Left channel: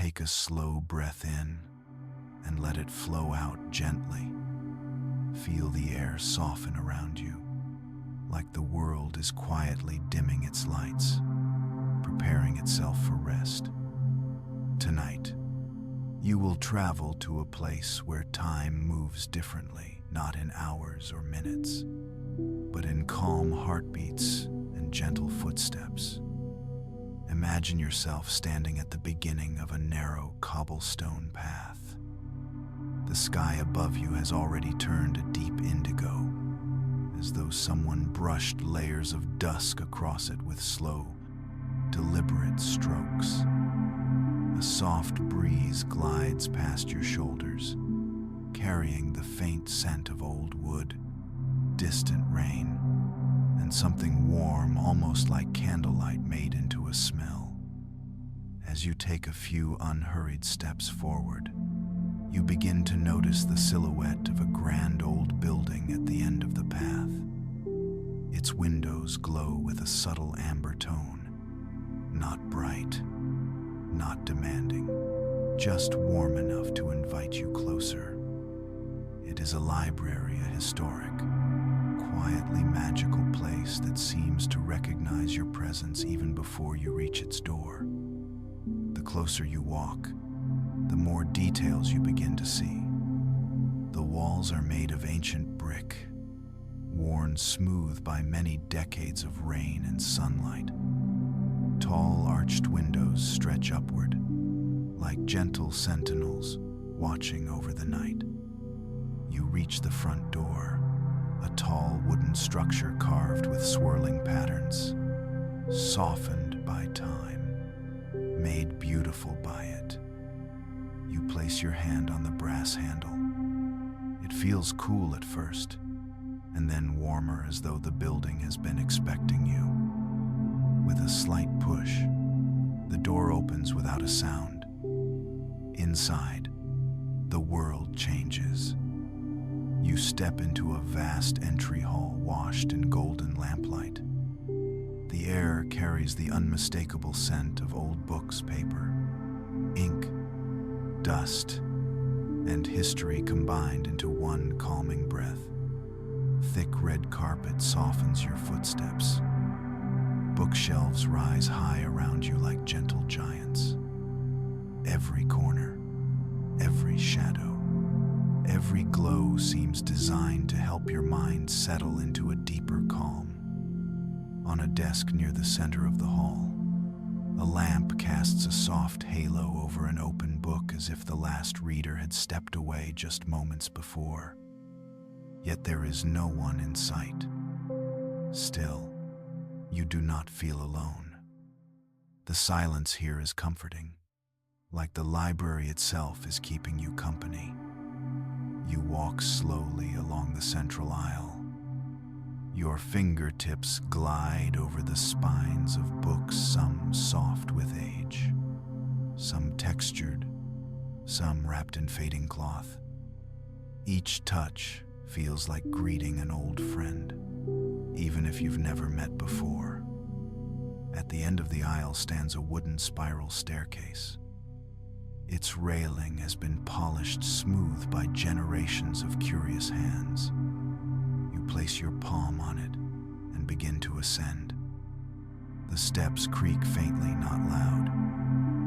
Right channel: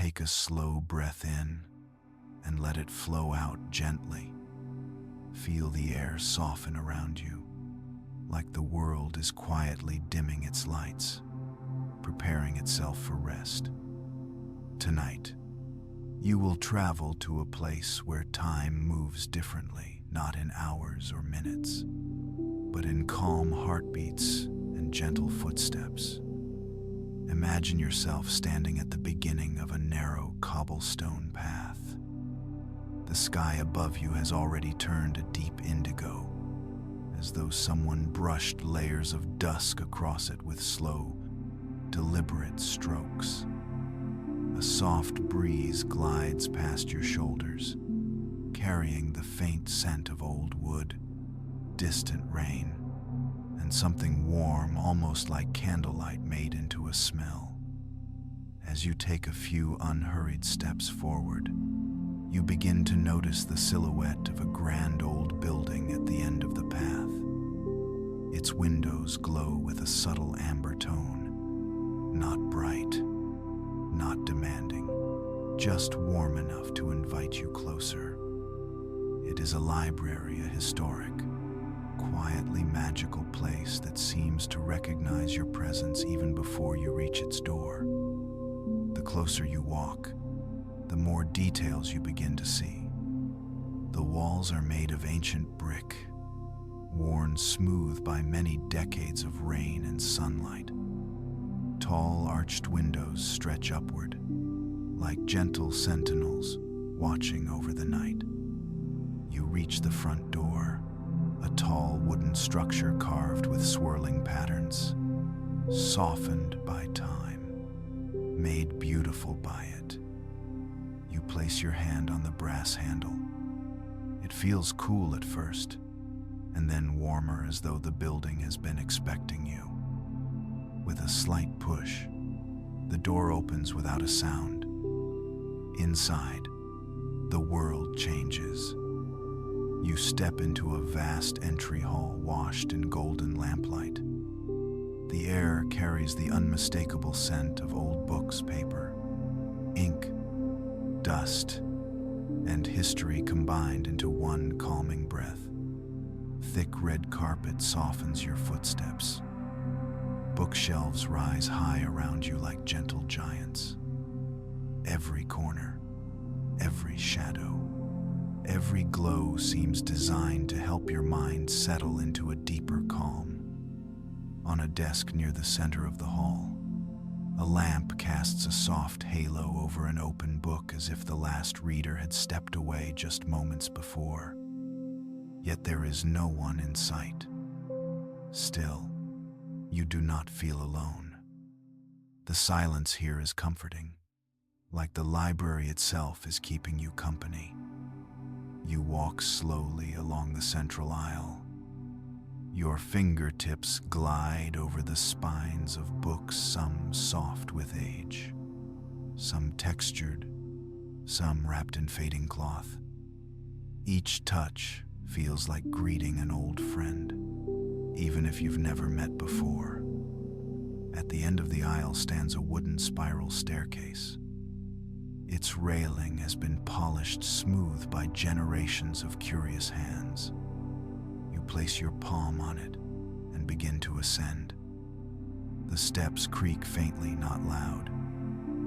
take a slow breath in and let it flow out gently. Feel the air soften around you, like the world is quietly dimming its lights, preparing itself for rest. Tonight, you will travel to a place where time moves differently, not in hours or minutes, but in calm heartbeats and gentle footsteps. Imagine yourself standing at the beginning of a narrow cobblestone path. The sky above you has already turned a deep indigo, as though someone brushed layers of dusk across it with slow, deliberate strokes. A soft breeze glides past your shoulders, carrying the faint scent of old wood, distant rain, and something warm, almost like candlelight made into a smell. As you take a few unhurried steps forward, you begin to notice the silhouette of a grand old building at the end of the path. Its windows glow with a subtle amber tone, not bright, not demanding, just warm enough to invite you closer. It is a library, a historic, quietly magical place that seems to recognize your presence even before you reach its door. The closer you walk, the more details you begin to see. The walls are made of ancient brick, worn smooth by many decades of rain and sunlight. Tall arched windows stretch upward, like gentle sentinels watching over the night. You reach the front door, a tall wooden structure carved with swirling patterns, softened by time, made beautiful by it. You place your hand on the brass handle. It feels cool at first, and then warmer, as though the building has been expecting you. With a slight push, the door opens without a sound. Inside, the world changes. You step into a vast entry hall washed in golden lamplight. The air carries the unmistakable scent of old books, paper, ink, dust, and history combined into one calming breath. Thick red carpet softens your footsteps. Bookshelves rise high around you like gentle giants. Every corner, every shadow, every glow seems designed to help your mind settle into a deeper calm. On a desk near the center of the hall, a lamp casts a soft halo over an open book, as if the last reader had stepped away just moments before. Yet there is no one in sight. Still, you do not feel alone. The silence here is comforting, like the library itself is keeping you company. You walk slowly along the central aisle. Your fingertips glide over the spines of books, some soft with age, some textured, some wrapped in fading cloth. Each touch feels like greeting an old friend, even if you've never met before. At the end of the aisle stands a wooden spiral staircase. Its railing has been polished smooth by generations of curious hands. You place your palm on it and begin to ascend. The steps creak faintly, not loud,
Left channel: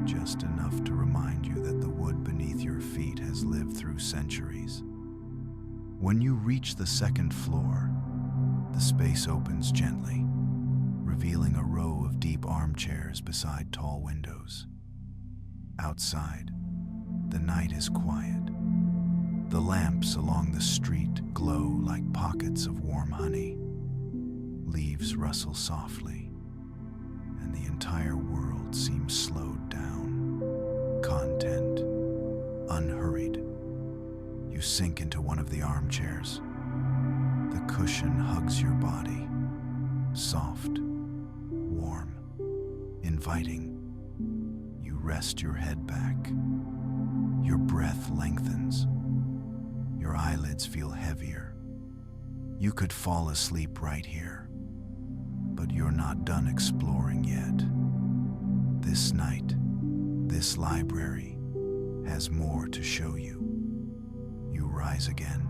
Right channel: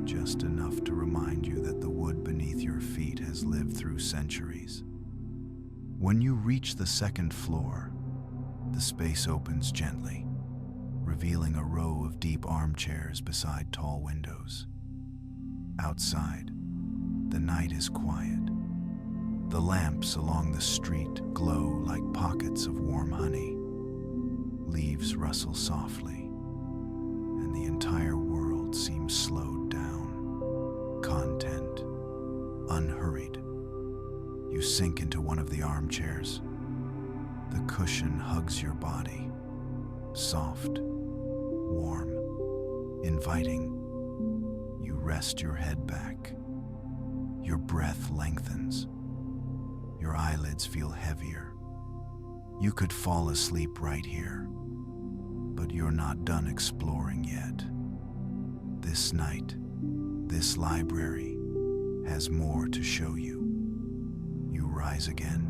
just enough to remind you that the wood beneath your feet has lived through centuries. When you reach the second floor, the space opens gently, revealing a row of deep armchairs beside tall windows. Outside, the night is quiet. The lamps along the street glow like pockets of warm honey. Leaves rustle softly, and the entire world seems slowed down. Content, unhurried. You sink into one of the armchairs. The cushion hugs your body, soft, warm, inviting. You rest your head back. Your breath lengthens. Your eyelids feel heavier. You could fall asleep right here, but you're not done exploring yet. This night, This library has more to show you. You rise again,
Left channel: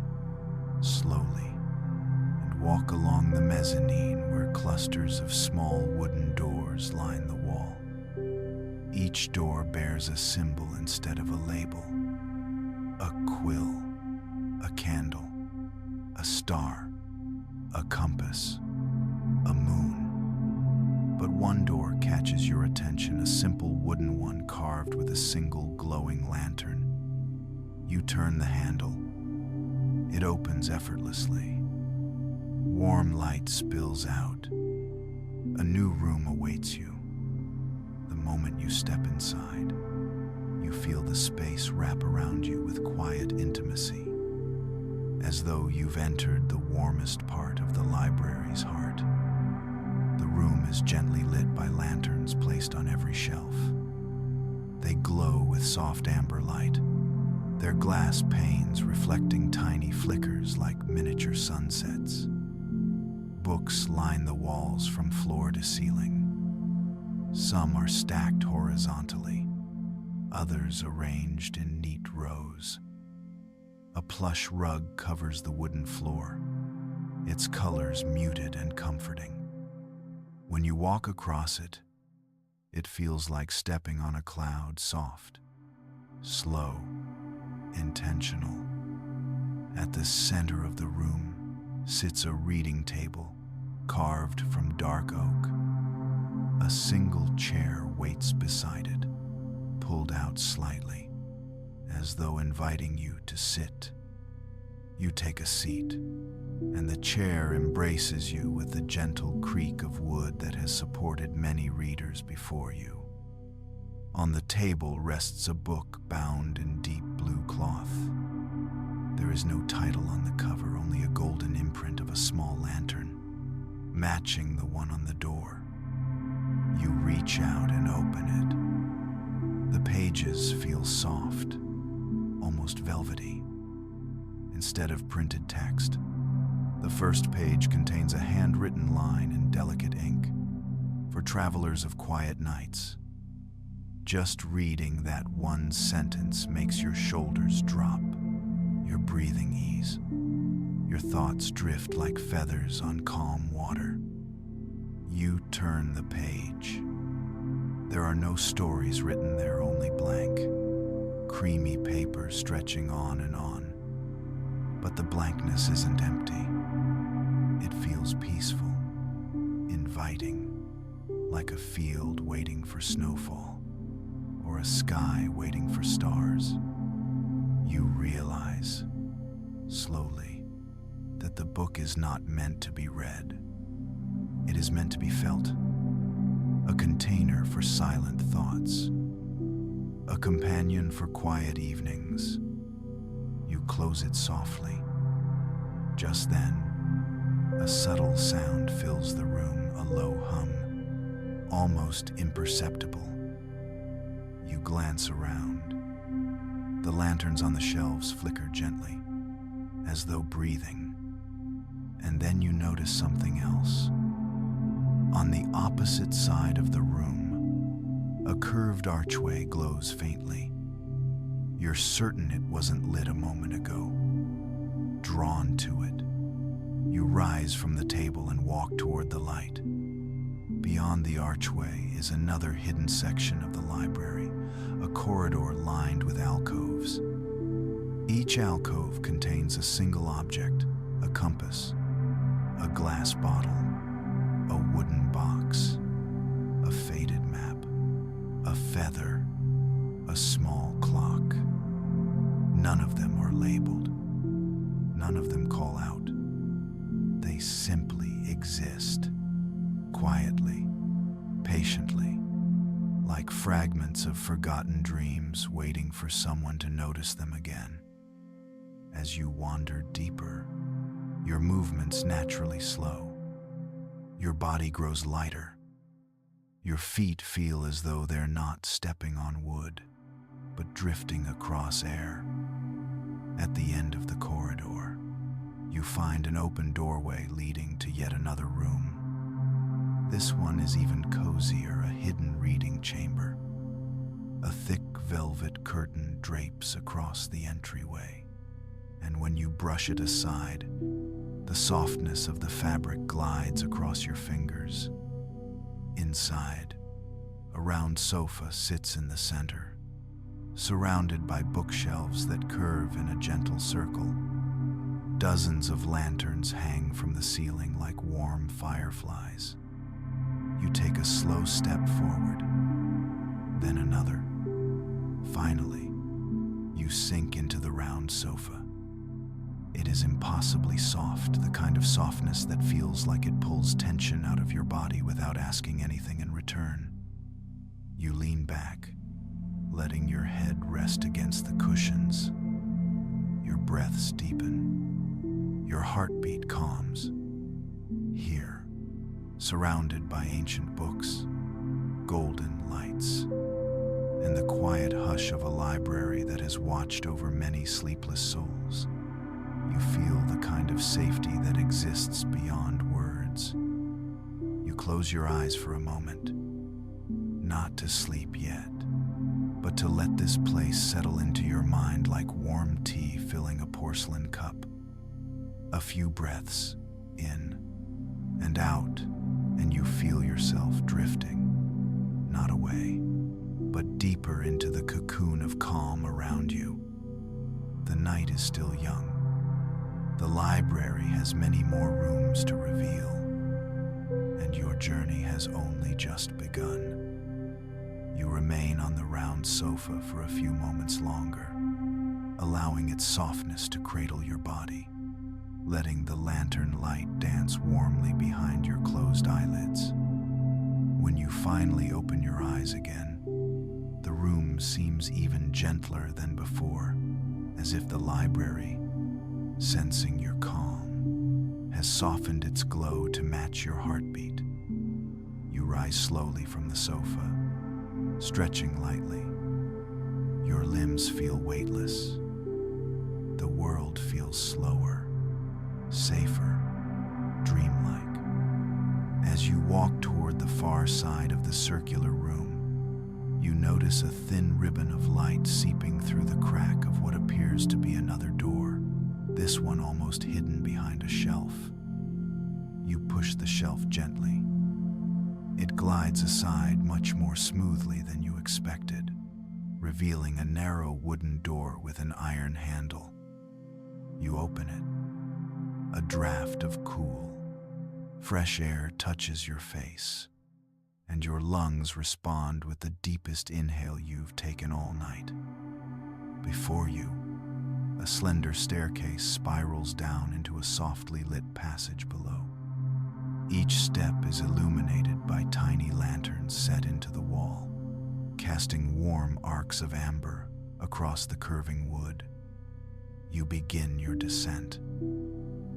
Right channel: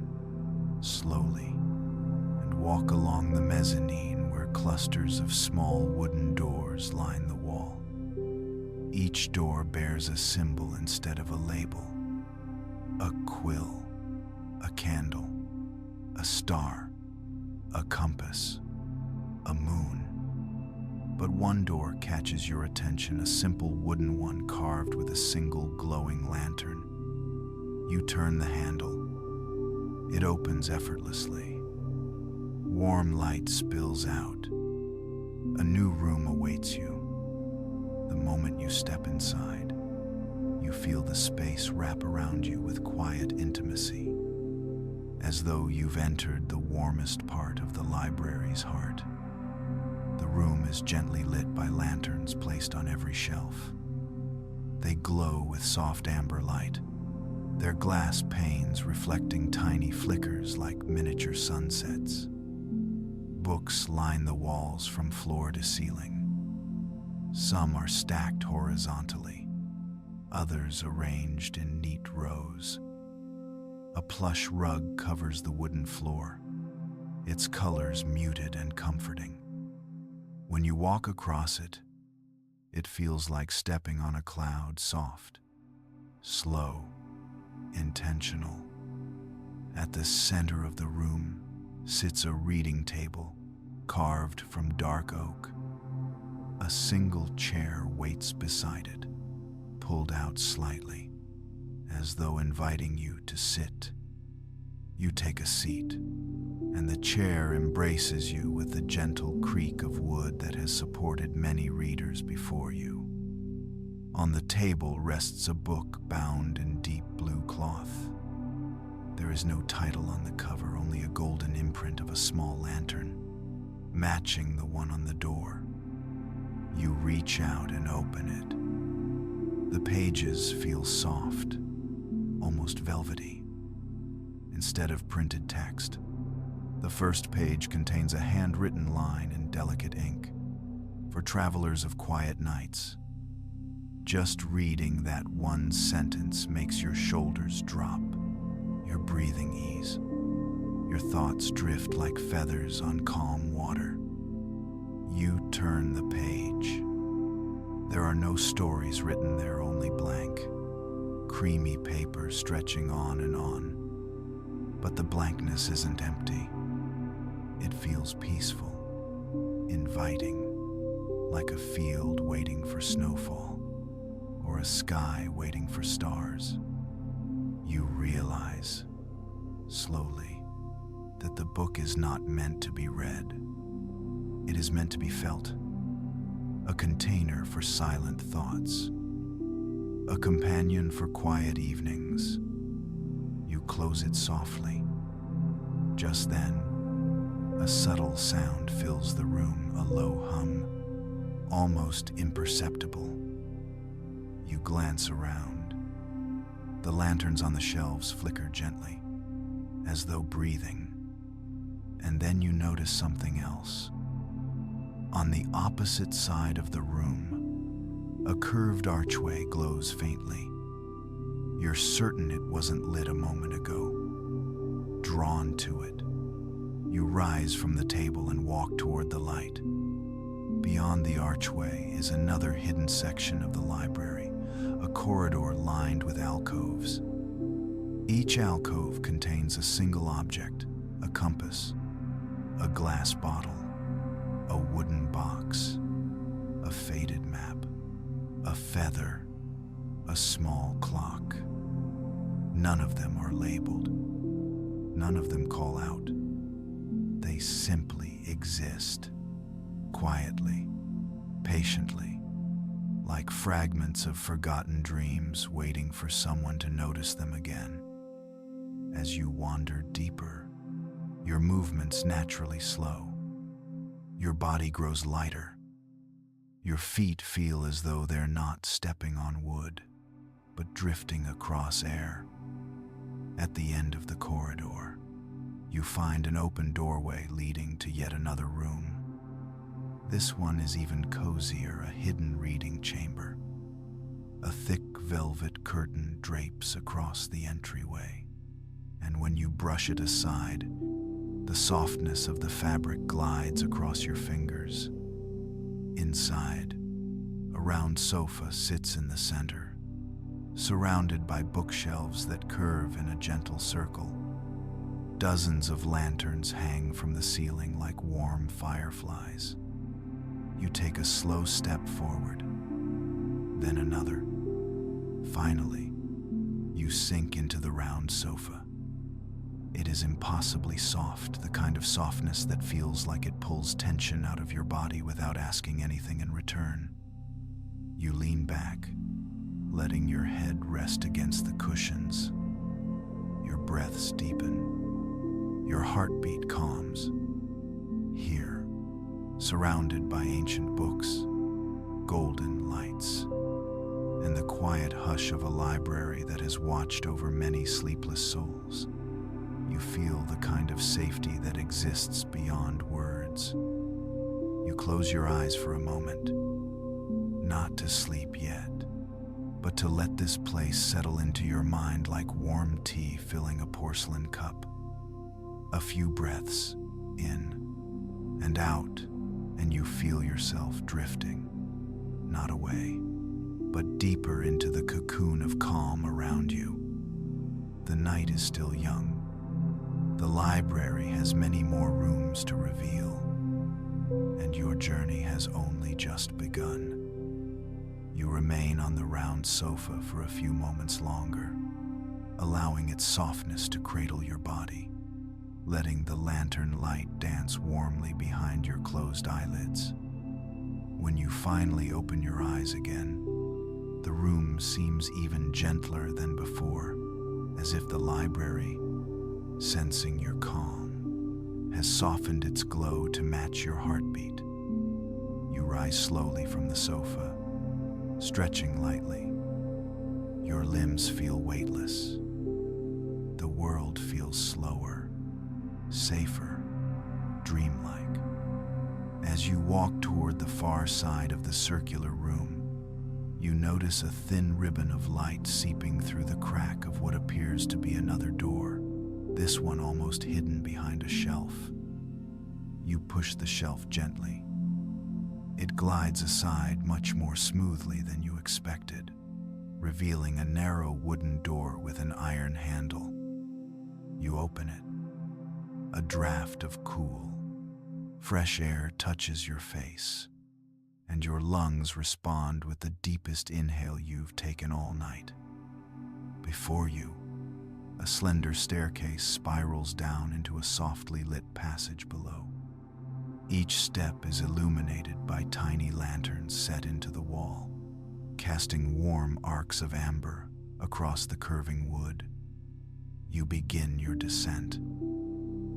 slowly, and walk along the mezzanine where clusters of small wooden doors line the wall. Each door bears a symbol instead of a label: a quill, a candle, a star, a compass, a moon. But one door catches your attention, a simple wooden one carved with a single glowing lantern. You turn the handle. It opens effortlessly. Warm light spills out. A new room awaits you. The moment you step inside, you feel the space wrap around you with quiet intimacy, as though you've entered the warmest part of the library's heart. The room is gently lit by lanterns placed on every shelf. They glow with soft amber light, their glass panes reflecting tiny flickers like miniature sunsets. Books line the walls from floor to ceiling. Some are stacked horizontally, others arranged in neat rows. A plush rug covers the wooden floor, its colors muted and comforting. When you walk across it, it feels like stepping on a cloud, soft, slow, intentional. At the center of the room sits a reading table carved from dark oak. A single chair waits beside it, pulled out slightly, as though inviting you to sit. You take a seat, and the chair embraces you with the gentle creak of wood that has supported many readers before you. On the table rests a book bound in deep blue cloth. There is no title on the cover, only a golden imprint of a small lantern, matching the one on the door. You reach out and open it. The pages feel soft, almost velvety. Instead of printed text, the first page contains a handwritten line in delicate ink for travelers of quiet nights. Just reading that one sentence makes your shoulders drop, your breathing ease. Your thoughts drift like feathers on calm water. You turn the page. There are no stories written there, only blank, creamy paper stretching on and on. But the blankness isn't empty. It feels peaceful, inviting, like a field waiting for snowfall, or a sky waiting for stars. You realize, slowly, that the book is not meant to be read. It is meant to be felt, a container for silent thoughts, a companion for quiet evenings. You close it softly. Just then, a subtle sound fills the room, a low hum, almost imperceptible. You glance around. The lanterns on the shelves flicker gently, as though breathing. And then you notice something else. On the opposite side of the room, a curved archway glows faintly. You're certain it wasn't lit a moment ago. Drawn to it, you rise from the table and walk toward the light. Beyond the archway is another hidden section of the library, a corridor lined with alcoves. Each alcove contains a single object: a compass, a glass bottle, a wooden box, a faded map, a feather, a small clock. None of them are labeled. None of them call out. They simply exist, quietly, patiently, like fragments of forgotten dreams waiting for someone to notice them again. As you wander deeper, your movements naturally slow. Your body grows lighter. Your feet feel as though they're not stepping on wood, but drifting across air. At the end of the corridor, you find an open doorway leading to yet another room. This one is even cozier, a hidden reading chamber. A thick velvet curtain drapes across the entryway, and when you brush it aside, the softness of the fabric glides across your fingers. Inside, a round sofa sits in the center, surrounded by bookshelves that curve in a gentle circle. Dozens of lanterns hang from the ceiling like warm fireflies. You take a slow step forward, then another. Finally, you sink into the round sofa. It is impossibly soft, the kind of softness that feels like it pulls tension out of your body without asking anything in return. You lean back, letting your head rest against the cushions. Your breaths deepen. Your heartbeat calms. Here, surrounded by ancient books, golden lights, and the quiet hush of a library that has watched over many sleepless souls, you feel the kind of safety that exists beyond words. You close your eyes for a moment, not to sleep yet, but to let this place settle into your mind like warm tea filling a porcelain cup. A few breaths in and out, and you feel yourself drifting, not away, but deeper into the cocoon of calm around you. The night is still young. The library has many more rooms to reveal, and your journey has only just begun. You remain on the round sofa for a few moments longer, allowing its softness to cradle your body, letting the lantern light dance warmly behind your closed eyelids. When you finally open your eyes again, the room seems even gentler than before, as if the library, sensing your calm, has softened its glow to match your heartbeat. You rise slowly from the sofa, stretching lightly. Your limbs feel weightless. The world feels slower, safer, dreamlike. As you walk toward the far side of the circular room, you notice a thin ribbon of light seeping through the crack of what appears to be another door, this one almost hidden behind a shelf. You push the shelf gently. It glides aside much more smoothly than you expected, revealing a narrow wooden door with an iron handle. You open it. A draft of cool, fresh air touches your face, and your lungs respond with the deepest inhale you've taken all night. Before you, a slender staircase spirals down into a softly lit passage below. Each step is illuminated by tiny lanterns set into the wall, casting warm arcs of amber across the curving wood. You begin your descent.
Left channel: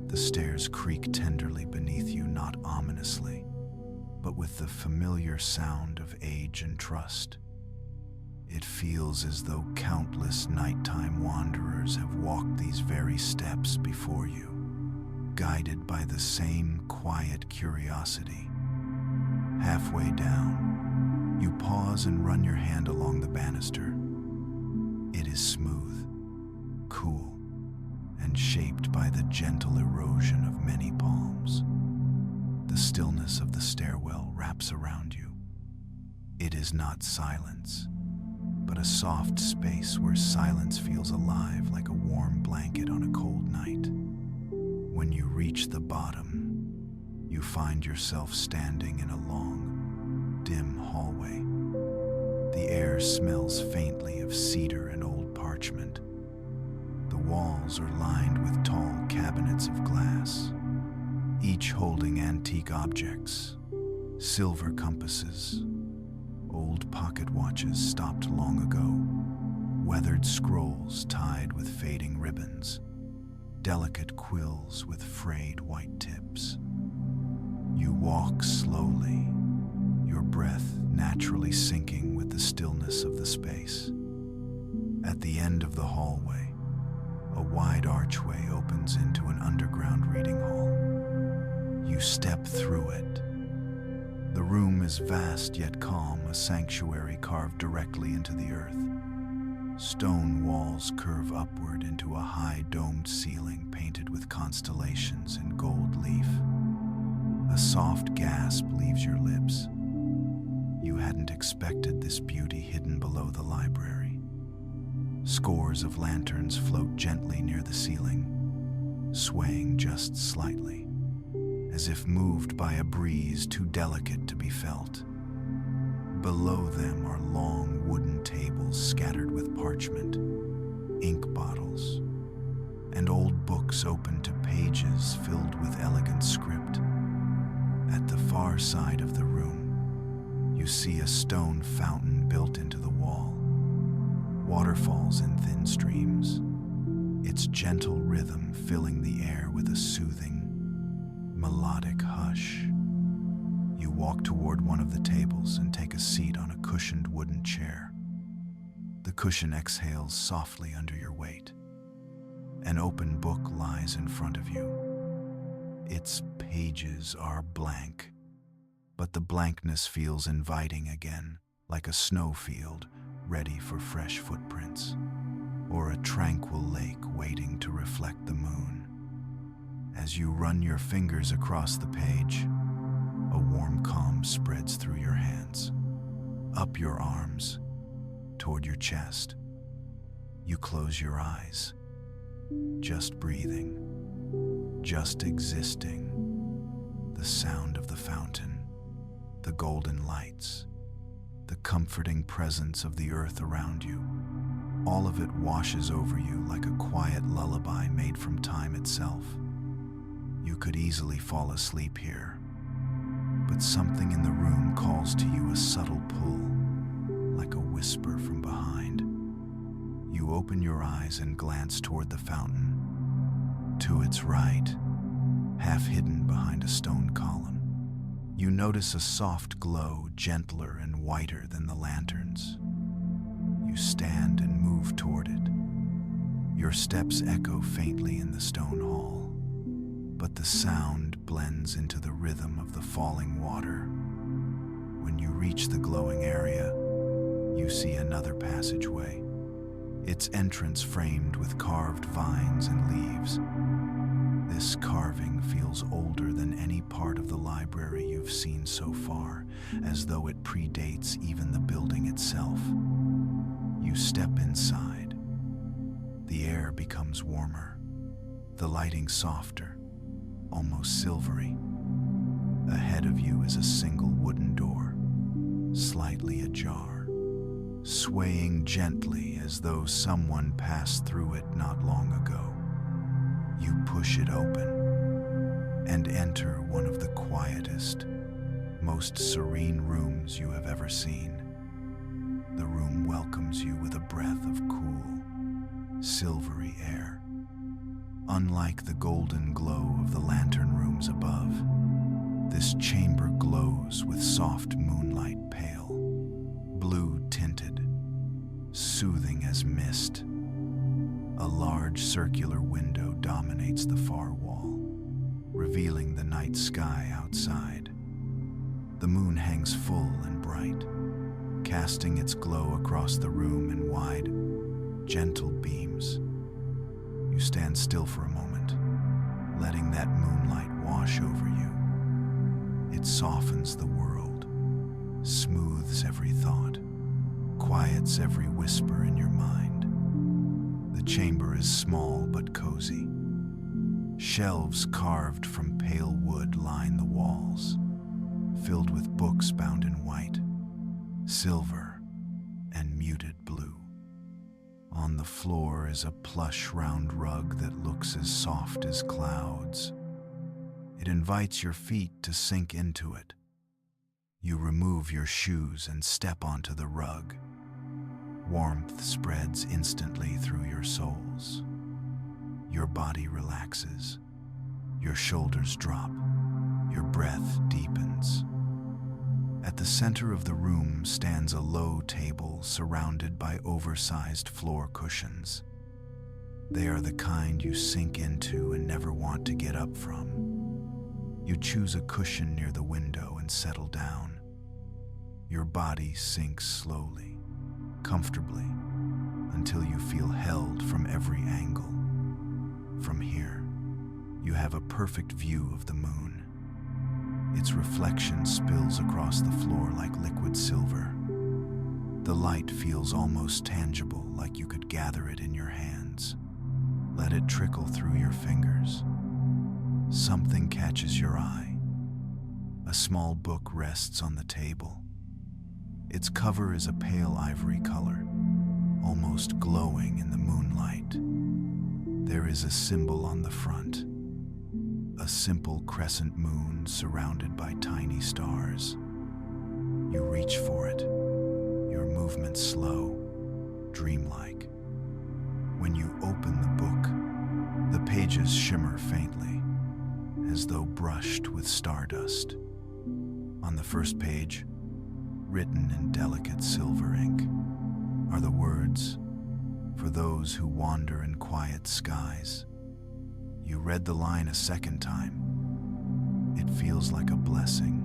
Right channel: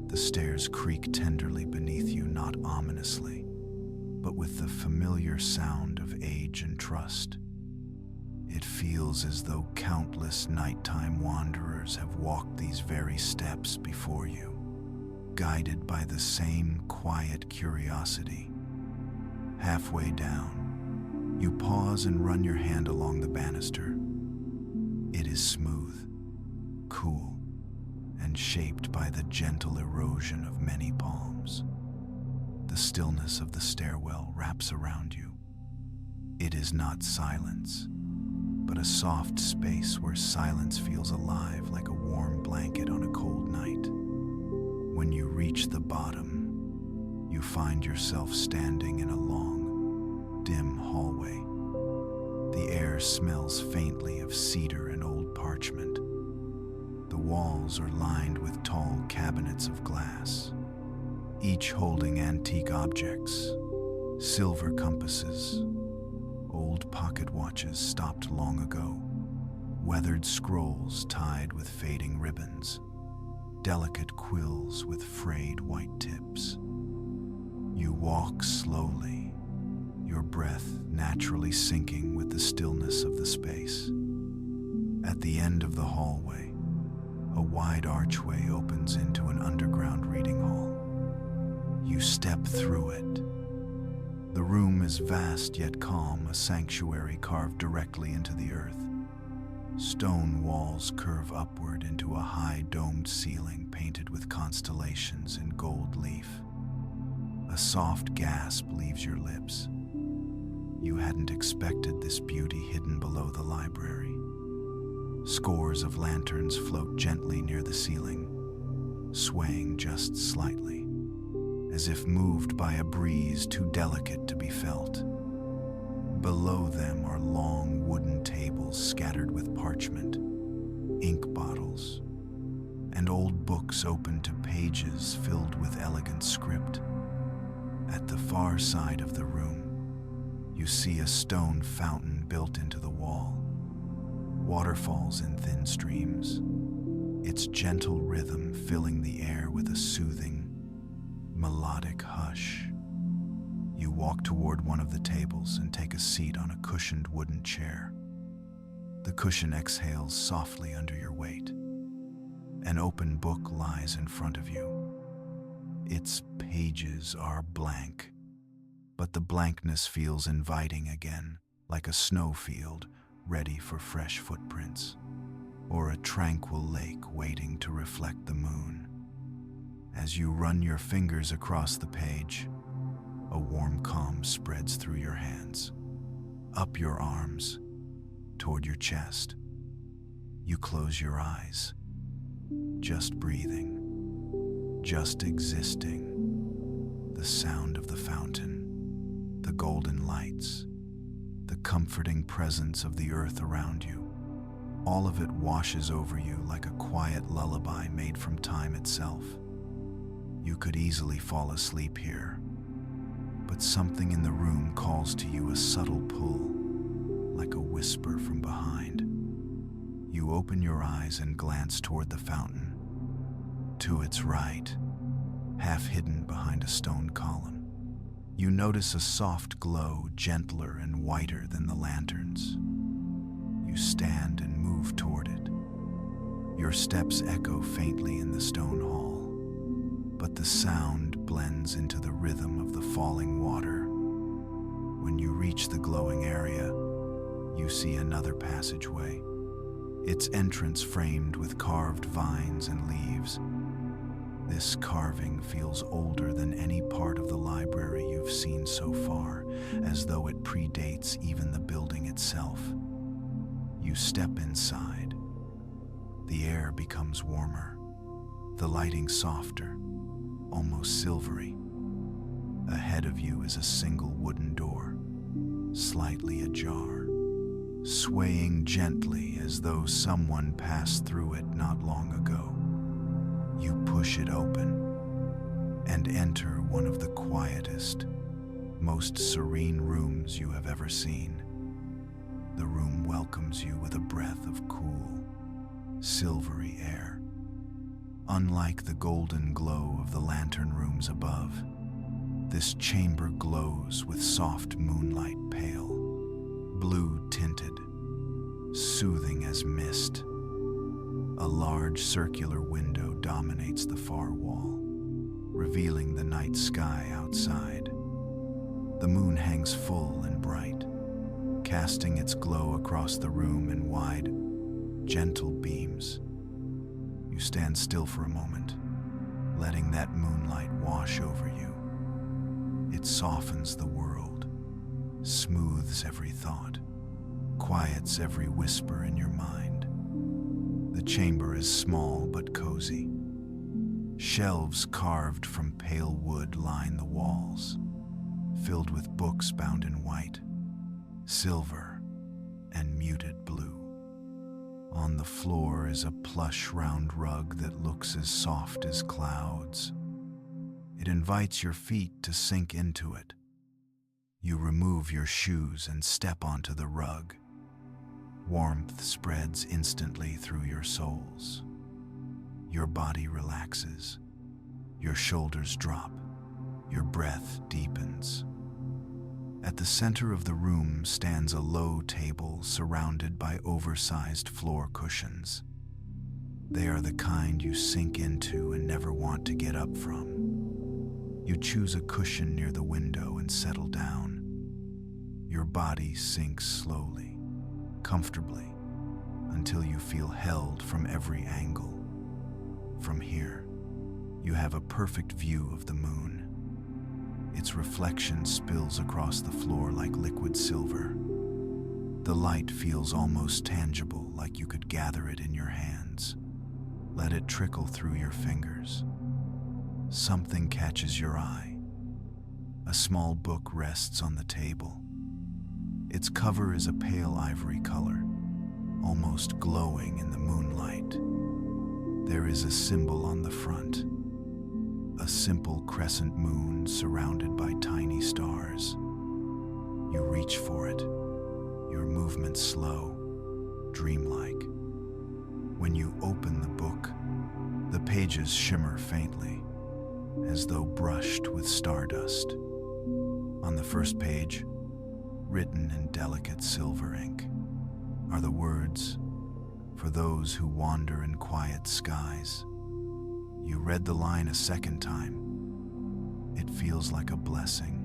The stairs creak tenderly beneath you, not ominously, but with the familiar sound of age and trust. It feels as though countless nighttime wanderers have walked these very steps before you, guided by the same quiet curiosity. Halfway down, you pause and run your hand along the banister. It is smooth, cool, and shaped by the gentle erosion of many palms. The stillness of the stairwell wraps around you. It is not silence, but a soft space where silence feels alive like a warm blanket on a cold night. When you reach the bottom, you find yourself standing in a long, dim hallway. The air smells faintly of cedar and old parchment. The walls are lined with tall cabinets of glass, each holding antique objects, silver compasses, old pocket watches stopped long ago, weathered scrolls tied with fading ribbons, delicate quills with frayed white tips. You walk slowly, your breath naturally syncing with the stillness of the space. At the end of the hallway, a wide archway opens into an underground reading hall. You step through it. The room is vast yet calm, a sanctuary carved directly into the earth. Stone walls curve upward into a high domed ceiling painted with constellations in gold leaf. A soft gasp leaves your lips. You hadn't expected this beauty hidden below the library. Scores of lanterns float gently near the ceiling, swaying just slightly, as if moved by a breeze too delicate to be felt. Below them are long wooden tables scattered with parchment, ink bottles, and old books open to pages filled with elegant script. At the far side of the room, you see a stone fountain built into the wall. Water falls in thin streams, its gentle rhythm filling the air with a soothing, melodic hush. You walk toward one of the tables and take a seat on a cushioned wooden chair. The cushion exhales softly under your weight. An open book lies in front of you. Its pages are blank, but the blankness feels inviting again, like a snowfield ready for fresh footprints, or a tranquil lake waiting to reflect the moon. As you run your fingers across the page, a warm calm spreads through your hands, up your arms, toward your chest. You close your eyes, just breathing, just existing. The sound of the fountain, the golden lights, the comforting presence of the earth around you, all of it washes over you like a quiet lullaby made from time itself. You could easily fall asleep here, but something in the room calls to you, a subtle pull, like a whisper from behind. You open your eyes and glance toward the fountain. To its right, half hidden behind a stone column, you notice a soft glow, gentler and whiter than the lanterns. You stand and move toward it. Your steps echo faintly in the stone hall, but the sound blends into the rhythm of the falling water. When you reach the glowing area, you see another passageway, its entrance framed with carved vines and leaves. This carving feels older than any part of the library you've seen so far, as though it predates even the building itself. You step inside. The air becomes warmer, the lighting softer, almost silvery. Ahead of you is a single wooden door, slightly ajar, swaying gently as though someone passed through it not long ago. You push it open and enter one of the quietest, most serene rooms you have ever seen. The room welcomes you with a breath of cool, silvery air. Unlike the golden glow of the lantern rooms above, this chamber glows with soft moonlight, pale, blue-tinted, soothing as mist. A large circular window dominates the far wall, revealing the night sky outside. The moon hangs full and bright, casting its glow across the room in wide, gentle beams. You stand still for a moment, letting that moonlight wash over you. It softens the world, smooths every thought, quiets every whisper in your mind. The chamber is small but cozy. Shelves carved from pale wood line the walls, filled with books bound in white, silver, and muted blue. On the floor is a plush round rug that looks as soft as clouds. It invites your feet to sink into it. You remove your shoes and step onto the rug. Warmth spreads instantly through your soles. Your body relaxes. Your shoulders drop. Your breath deepens. At the center of the room stands a low table surrounded by oversized floor cushions. They are the kind you sink into and never want to get up from. You choose a cushion near the window and settle down. Your body sinks slowly, comfortably, until you feel held from every angle. From here, you have a perfect view of the moon. Its reflection spills across the floor like liquid silver. The light feels almost tangible, like you could gather it in your hands. Let it trickle through your fingers. Something catches your eye. A small book rests on the table. Its cover is a pale ivory color, almost glowing in the moonlight. There is a symbol on the front, a simple crescent moon surrounded by tiny stars. You reach for it, your movement slow, dreamlike. When you open the book, the pages shimmer faintly, as though brushed with stardust. On the first page, written in delicate silver ink, are the words, "For those who wander in quiet skies." You read the line a second time. It feels like a blessing,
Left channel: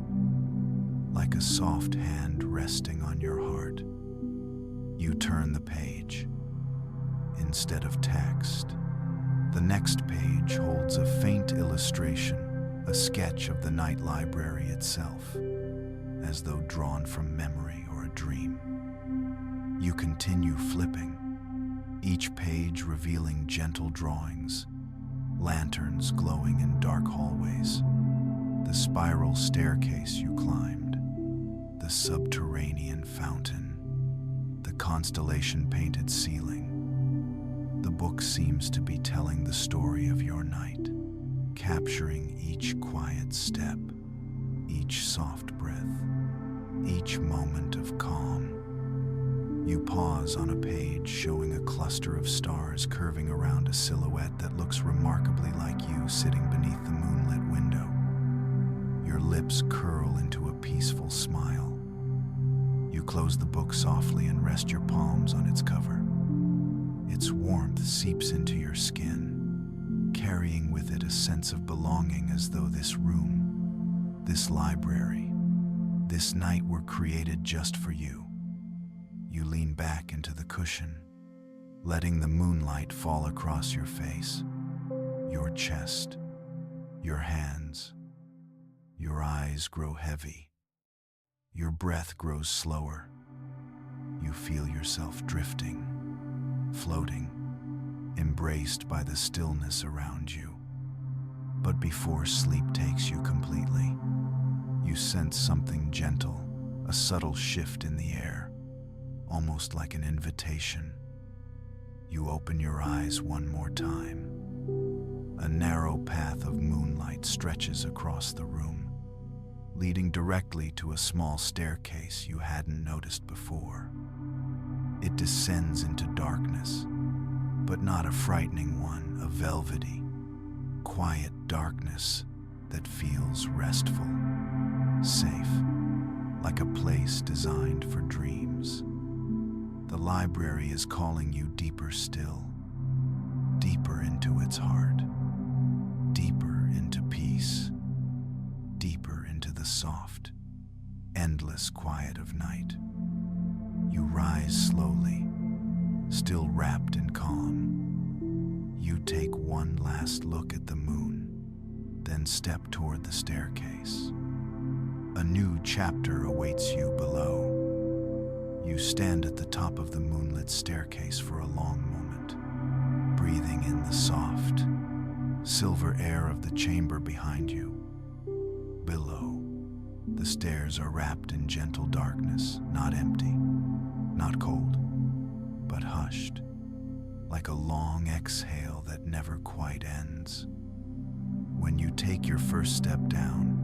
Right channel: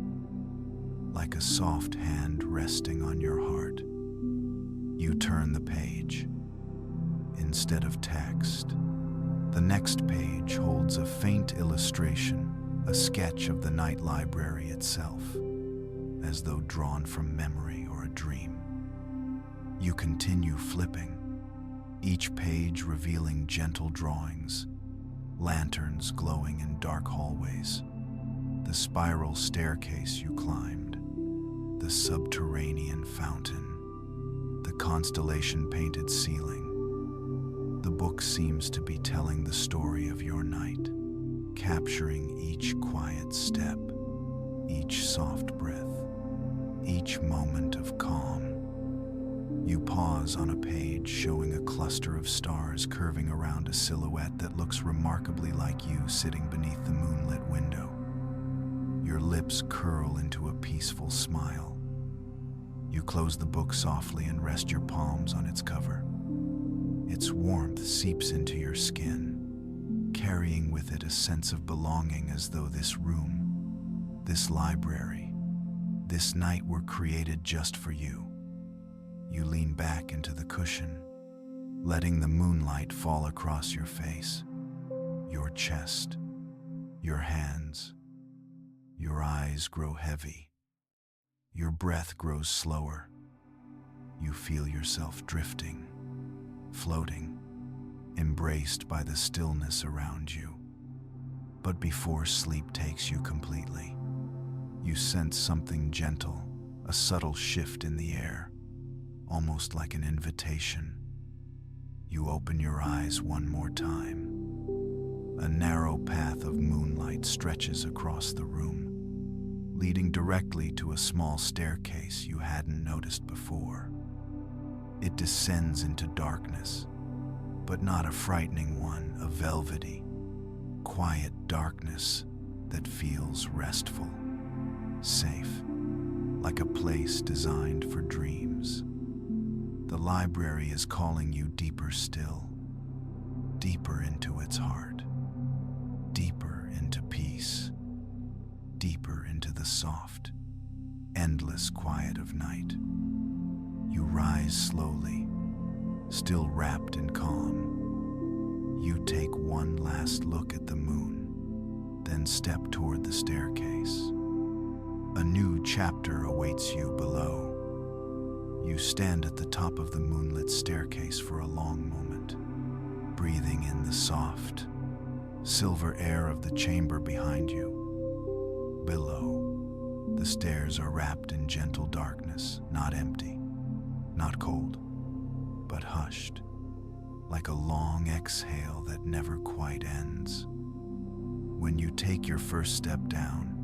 like a soft hand resting on your heart. You turn the page. Instead of text, the next page holds a faint illustration, a sketch of the night library itself, as though drawn from memory or a dream. You continue flipping, each page revealing gentle drawings, lanterns glowing in dark hallways, the spiral staircase you climbed, the subterranean fountain, the constellation-painted ceiling. The book seems to be telling the story of your night, capturing each quiet step, each soft breath, each moment of calm. You pause on a page showing a cluster of stars curving around a silhouette that looks remarkably like you sitting beneath the moonlit window. Your lips curl into a peaceful smile. You close the book softly and rest your palms on its cover. Its warmth seeps into your skin, carrying with it a sense of belonging, as though this room, this library, this night were created just for you. You lean back into the cushion, letting the moonlight fall across your face, your chest, your hands. Your eyes grow heavy. Your breath grows slower. You feel yourself drifting, floating, embraced by the stillness around you. But before sleep takes you completely, you sense something gentle, a subtle shift in the air, almost like an invitation. You open your eyes one more time. A narrow path of moonlight stretches across the room, leading directly to a small staircase you hadn't noticed before. It descends into darkness, but not a frightening one, a velvety, quiet darkness that feels restful, safe, like a place designed for dreams. The library is calling you deeper still, deeper into its heart, deeper into peace, deeper into the soft, endless quiet of night. You rise slowly, still wrapped in calm. You take one last look at the moon, then step toward the staircase. A new chapter awaits you below. You stand at the top of the moonlit staircase for a long moment, breathing in the soft, silver air of the chamber behind you. Below, the stairs are wrapped in gentle darkness, not empty, not cold, but hushed, like a long exhale that never quite ends. When you take your first step down,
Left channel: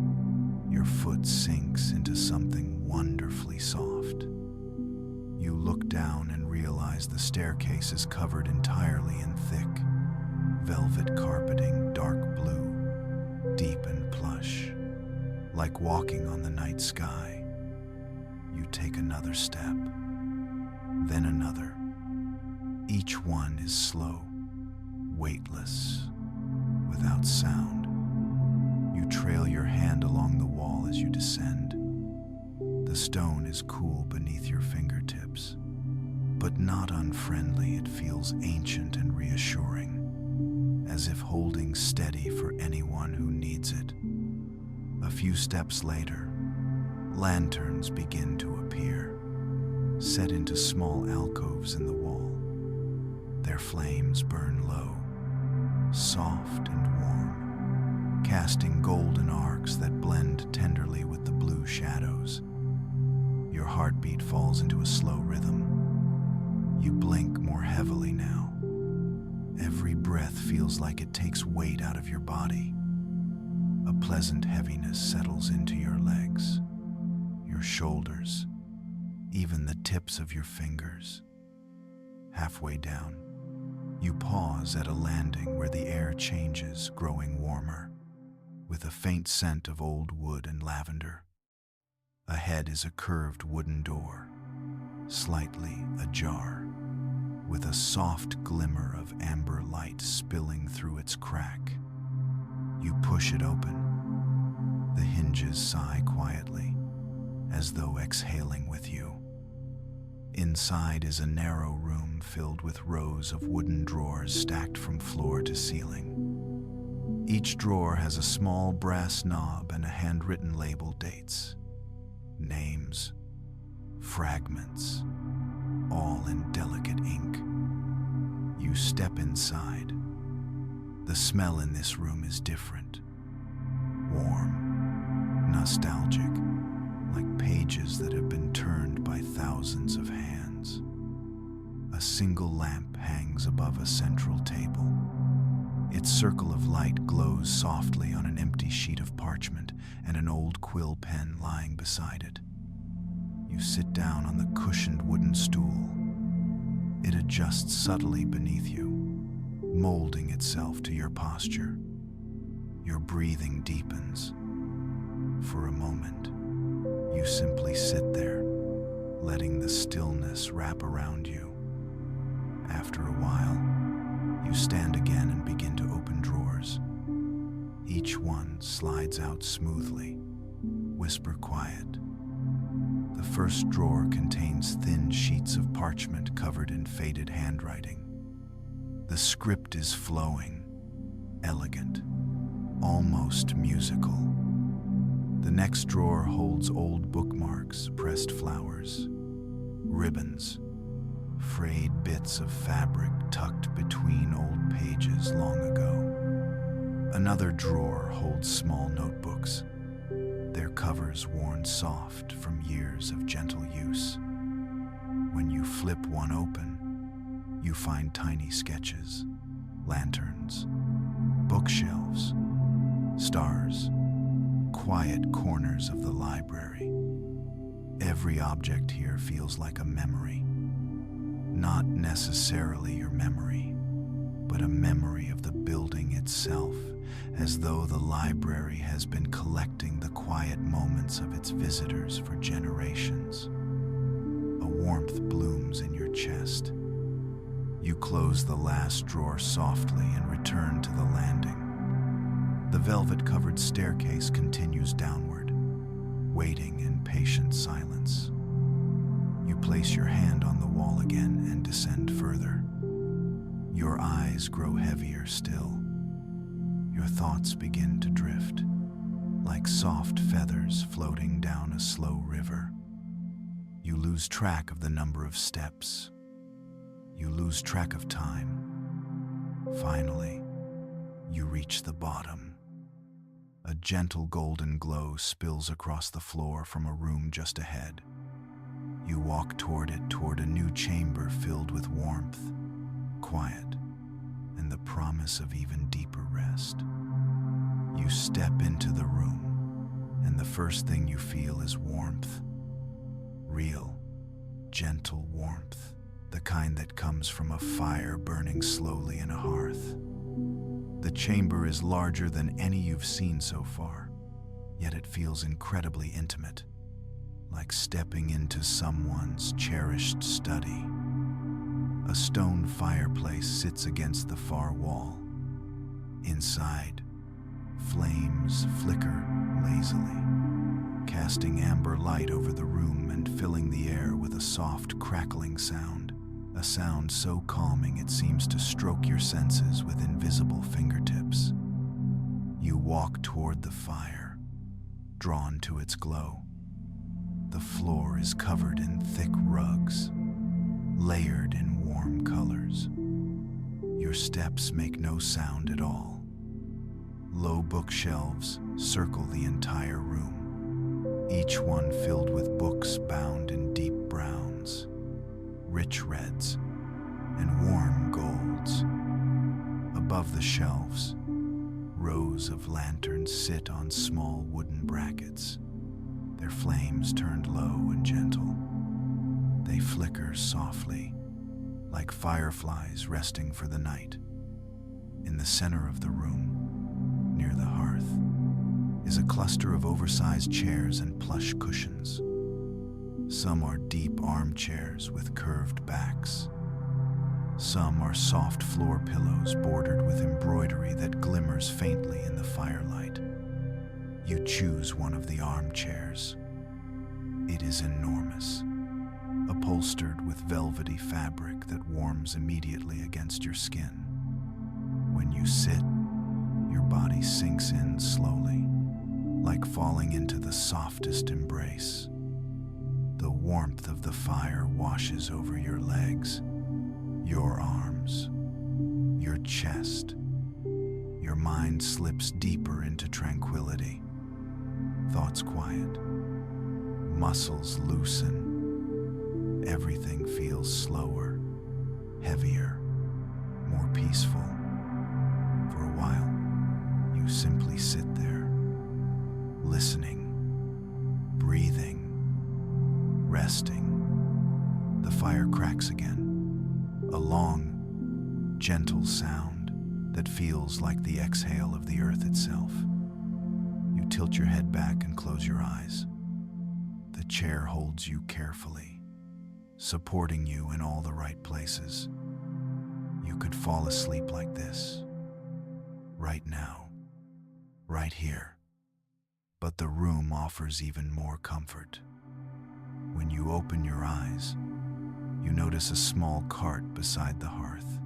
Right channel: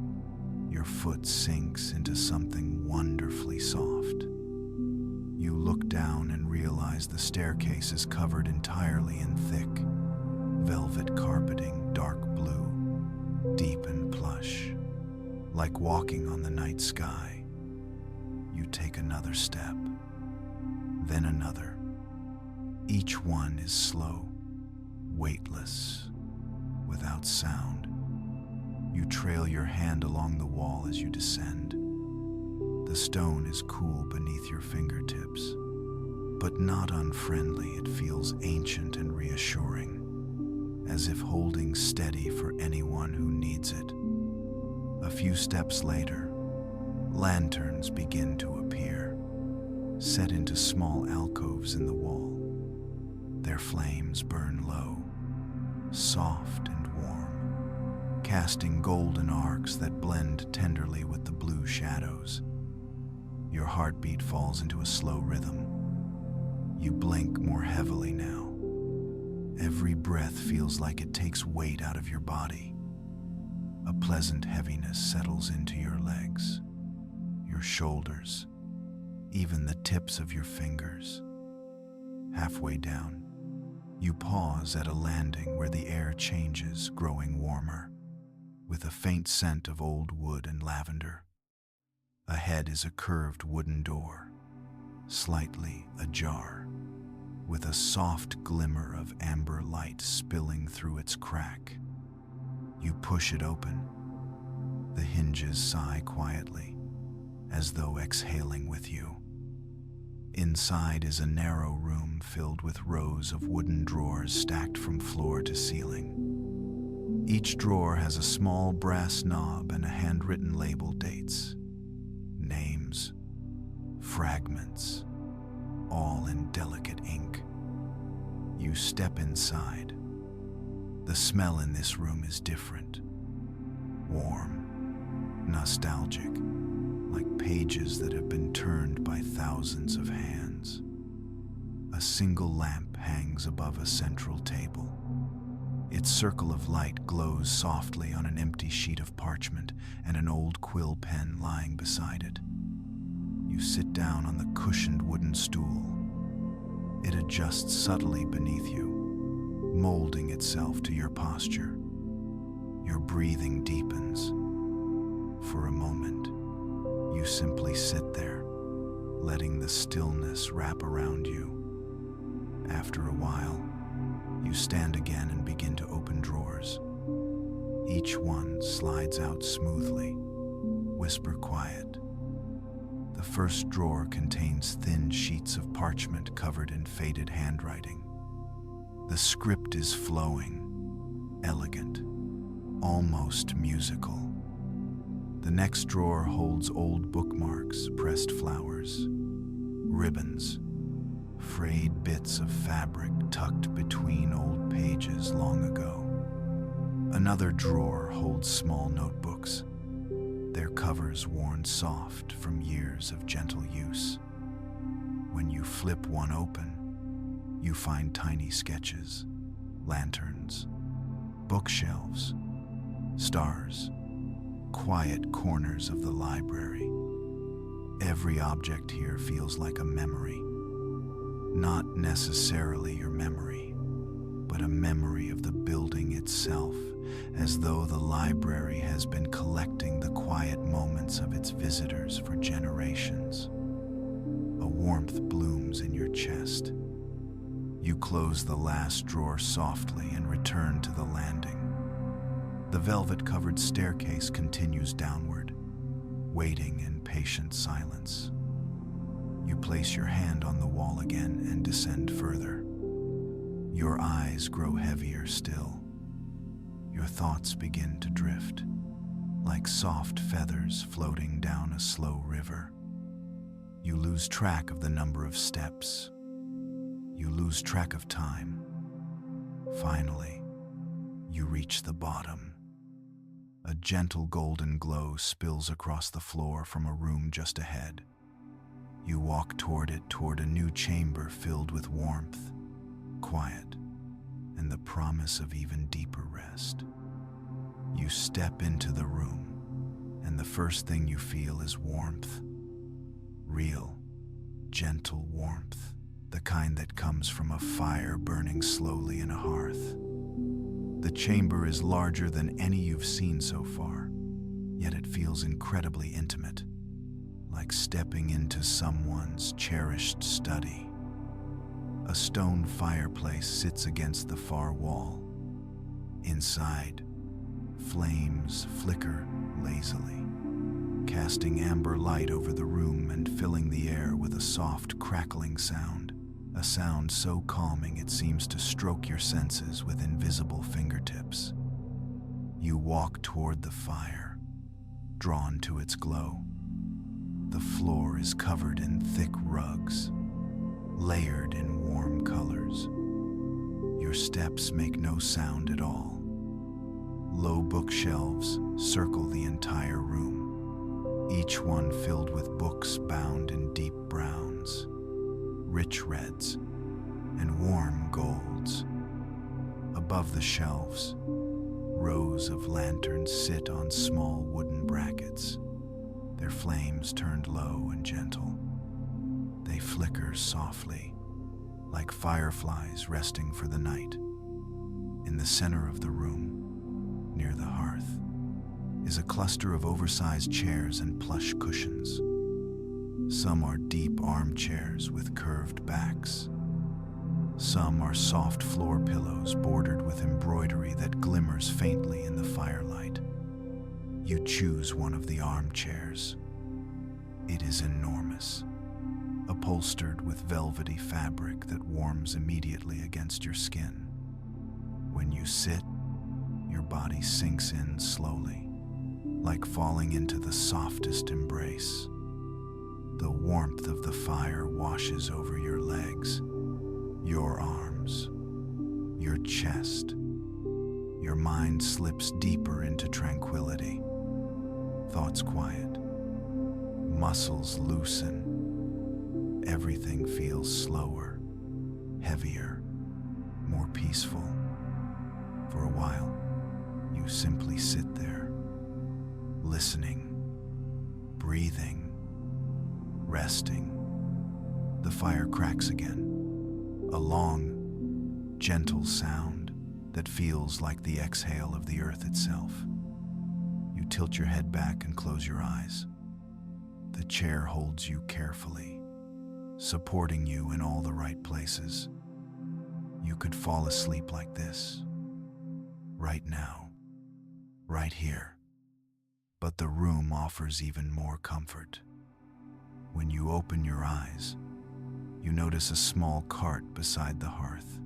your foot sinks into something wonderfully soft. You look down and realize the staircase is covered entirely in thick, velvet carpeting, dark blue, deep and plush, like walking on the night sky. You take another step, then another. Each one is slow, weightless, without sound. You trail your hand along the wall as you descend. The stone is cool beneath your fingertips, but not unfriendly. It feels ancient and reassuring, as if holding steady for anyone who needs it. A few steps later, lanterns begin to appear, set into small alcoves in the wall. Their flames burn low, soft and warm, casting golden arcs that blend tenderly with the blue shadows. Your heartbeat falls into a slow rhythm. You blink more heavily now. Every breath feels like it takes weight out of your body. A pleasant heaviness settles into your legs, your shoulders, even the tips of your fingers. Halfway down, you pause at a landing where the air changes, growing warmer, with a faint scent of old wood and lavender. Ahead is a curved wooden door, slightly ajar, with a soft glimmer of amber light spilling through its crack. You push it open. The hinges sigh quietly, as though exhaling with you. Inside is a narrow room filled with rows of wooden drawers stacked from floor to ceiling. Each drawer has a small brass knob and a handwritten label dates, names, fragments, all in delicate ink. You step inside. The smell in this room is different. Warm, nostalgic, like pages that have been turned by thousands of hands. A single lamp hangs above a central table. Its circle of light glows softly on an empty sheet of parchment and an old quill pen lying beside it. You sit down on the cushioned wooden stool. It adjusts subtly beneath you, molding itself to your posture. Your breathing deepens. For a moment, you simply sit there, letting the stillness wrap around you. After a while, you stand again and begin to open drawers. Each one slides out smoothly, whisper quiet. The first drawer contains thin sheets of parchment covered in faded handwriting. The script is flowing, elegant, almost musical. The next drawer holds old bookmarks, pressed flowers, ribbons, frayed bits of fabric tucked between old pages long ago. Another drawer holds small notebooks, their covers worn soft from years of gentle use. When you flip one open, you find tiny sketches, lanterns, bookshelves, stars, quiet corners of the library. Every object here feels like a memory. Not necessarily your memory, but a memory of the building itself, as though the library has been collecting the quiet moments of its visitors for generations. A warmth blooms in your chest. You close the last drawer softly and return to the landing. The velvet-covered staircase continues downward, waiting in patient silence. You place your hand on the wall again and descend further. Your eyes grow heavier still. Your thoughts begin to drift, like soft feathers floating down a slow river. You lose track of the number of steps. You lose track of time. Finally, you reach the bottom. A gentle golden glow spills across the floor from a room just ahead. You walk toward it, toward a new chamber filled with warmth, quiet, and the promise of even deeper rest. You step into the room, and the first thing you feel is warmth. Real, gentle warmth, the kind that comes from a fire burning slowly in a hearth. The chamber is larger than any you've seen so far, yet it feels incredibly intimate, like stepping into someone's cherished study. A stone fireplace sits against the far wall. Inside, Flames flicker lazily, casting amber light over the room and filling the air with a soft, crackling sound, a sound so calming it seems to stroke your senses with invisible fingertips. You walk toward the fire, drawn to its glow. The floor is covered in thick rugs, layered in warm colors. Your steps make no sound at all. Low bookshelves circle the entire room, each one filled with books bound in deep browns, rich reds, and warm golds. Above the shelves, rows of lanterns sit on small wooden brackets, their flames turned low and gentle. They flicker softly, like fireflies resting for the night. In the center of the room, near the hearth, is a cluster of oversized chairs and plush cushions. Some are deep armchairs with curved backs. Some are soft floor pillows bordered with embroidery that glimmers faintly in the firelight. You choose one of the armchairs. It is enormous, upholstered with velvety fabric that warms immediately against your skin. When you sit, your body sinks in slowly, like falling into the softest embrace. The warmth of the fire washes over your legs, your arms, your chest. Your mind slips deeper into tranquility. Thoughts quiet, muscles loosen. Everything feels slower, heavier, more peaceful. For a while, you simply sit there, listening, breathing, resting. The fire cracks again, a long, gentle sound that feels like the exhale of the earth itself. You tilt your head back and close your eyes. The chair holds you carefully, supporting you in all the right places. You could fall asleep like this, right now, right here. But the room offers even more comfort. When you open your eyes, you notice a small cart beside the hearth.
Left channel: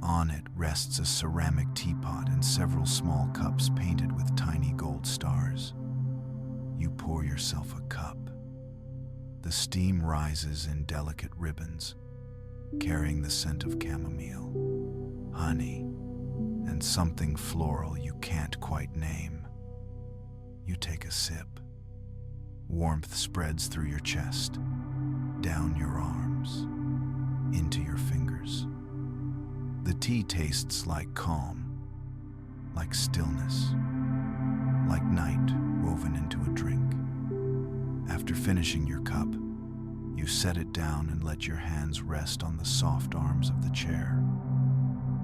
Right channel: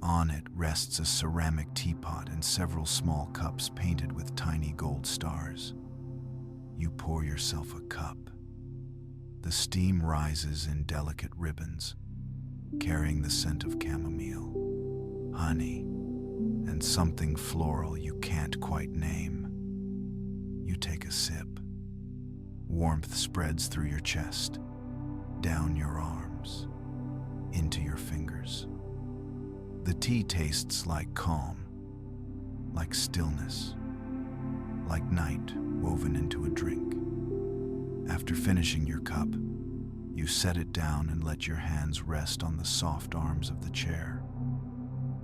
On it rests a ceramic teapot and several small cups painted with tiny gold stars. You pour yourself a cup. The steam rises in delicate ribbons, carrying the scent of chamomile, honey, and something floral you can't quite name. You take a sip. Warmth spreads through your chest, down your arms, into your fingers. The tea tastes like calm, like stillness, like night woven into a drink. After finishing your cup, you set it down and let your hands rest on the soft arms of the chair.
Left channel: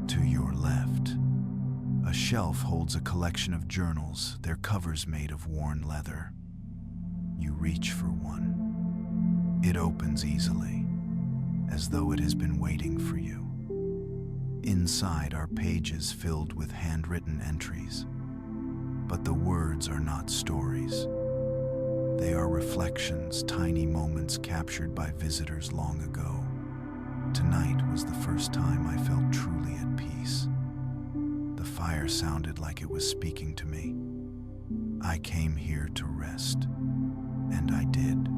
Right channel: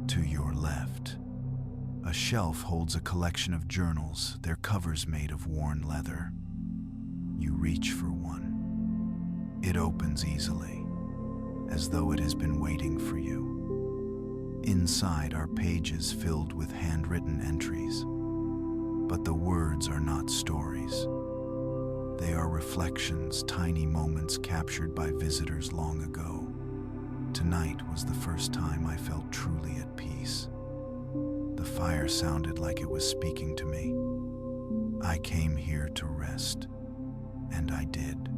To your left, a shelf holds a collection of journals, their covers made of worn leather. You reach for one. It opens easily, as though it has been waiting for you. Inside are pages filled with handwritten entries, but the words are not stories. They are reflections, tiny moments captured by visitors long ago. Tonight was the first time I felt truly at peace. The fire sounded like it was speaking to me. I came here to rest, and I did.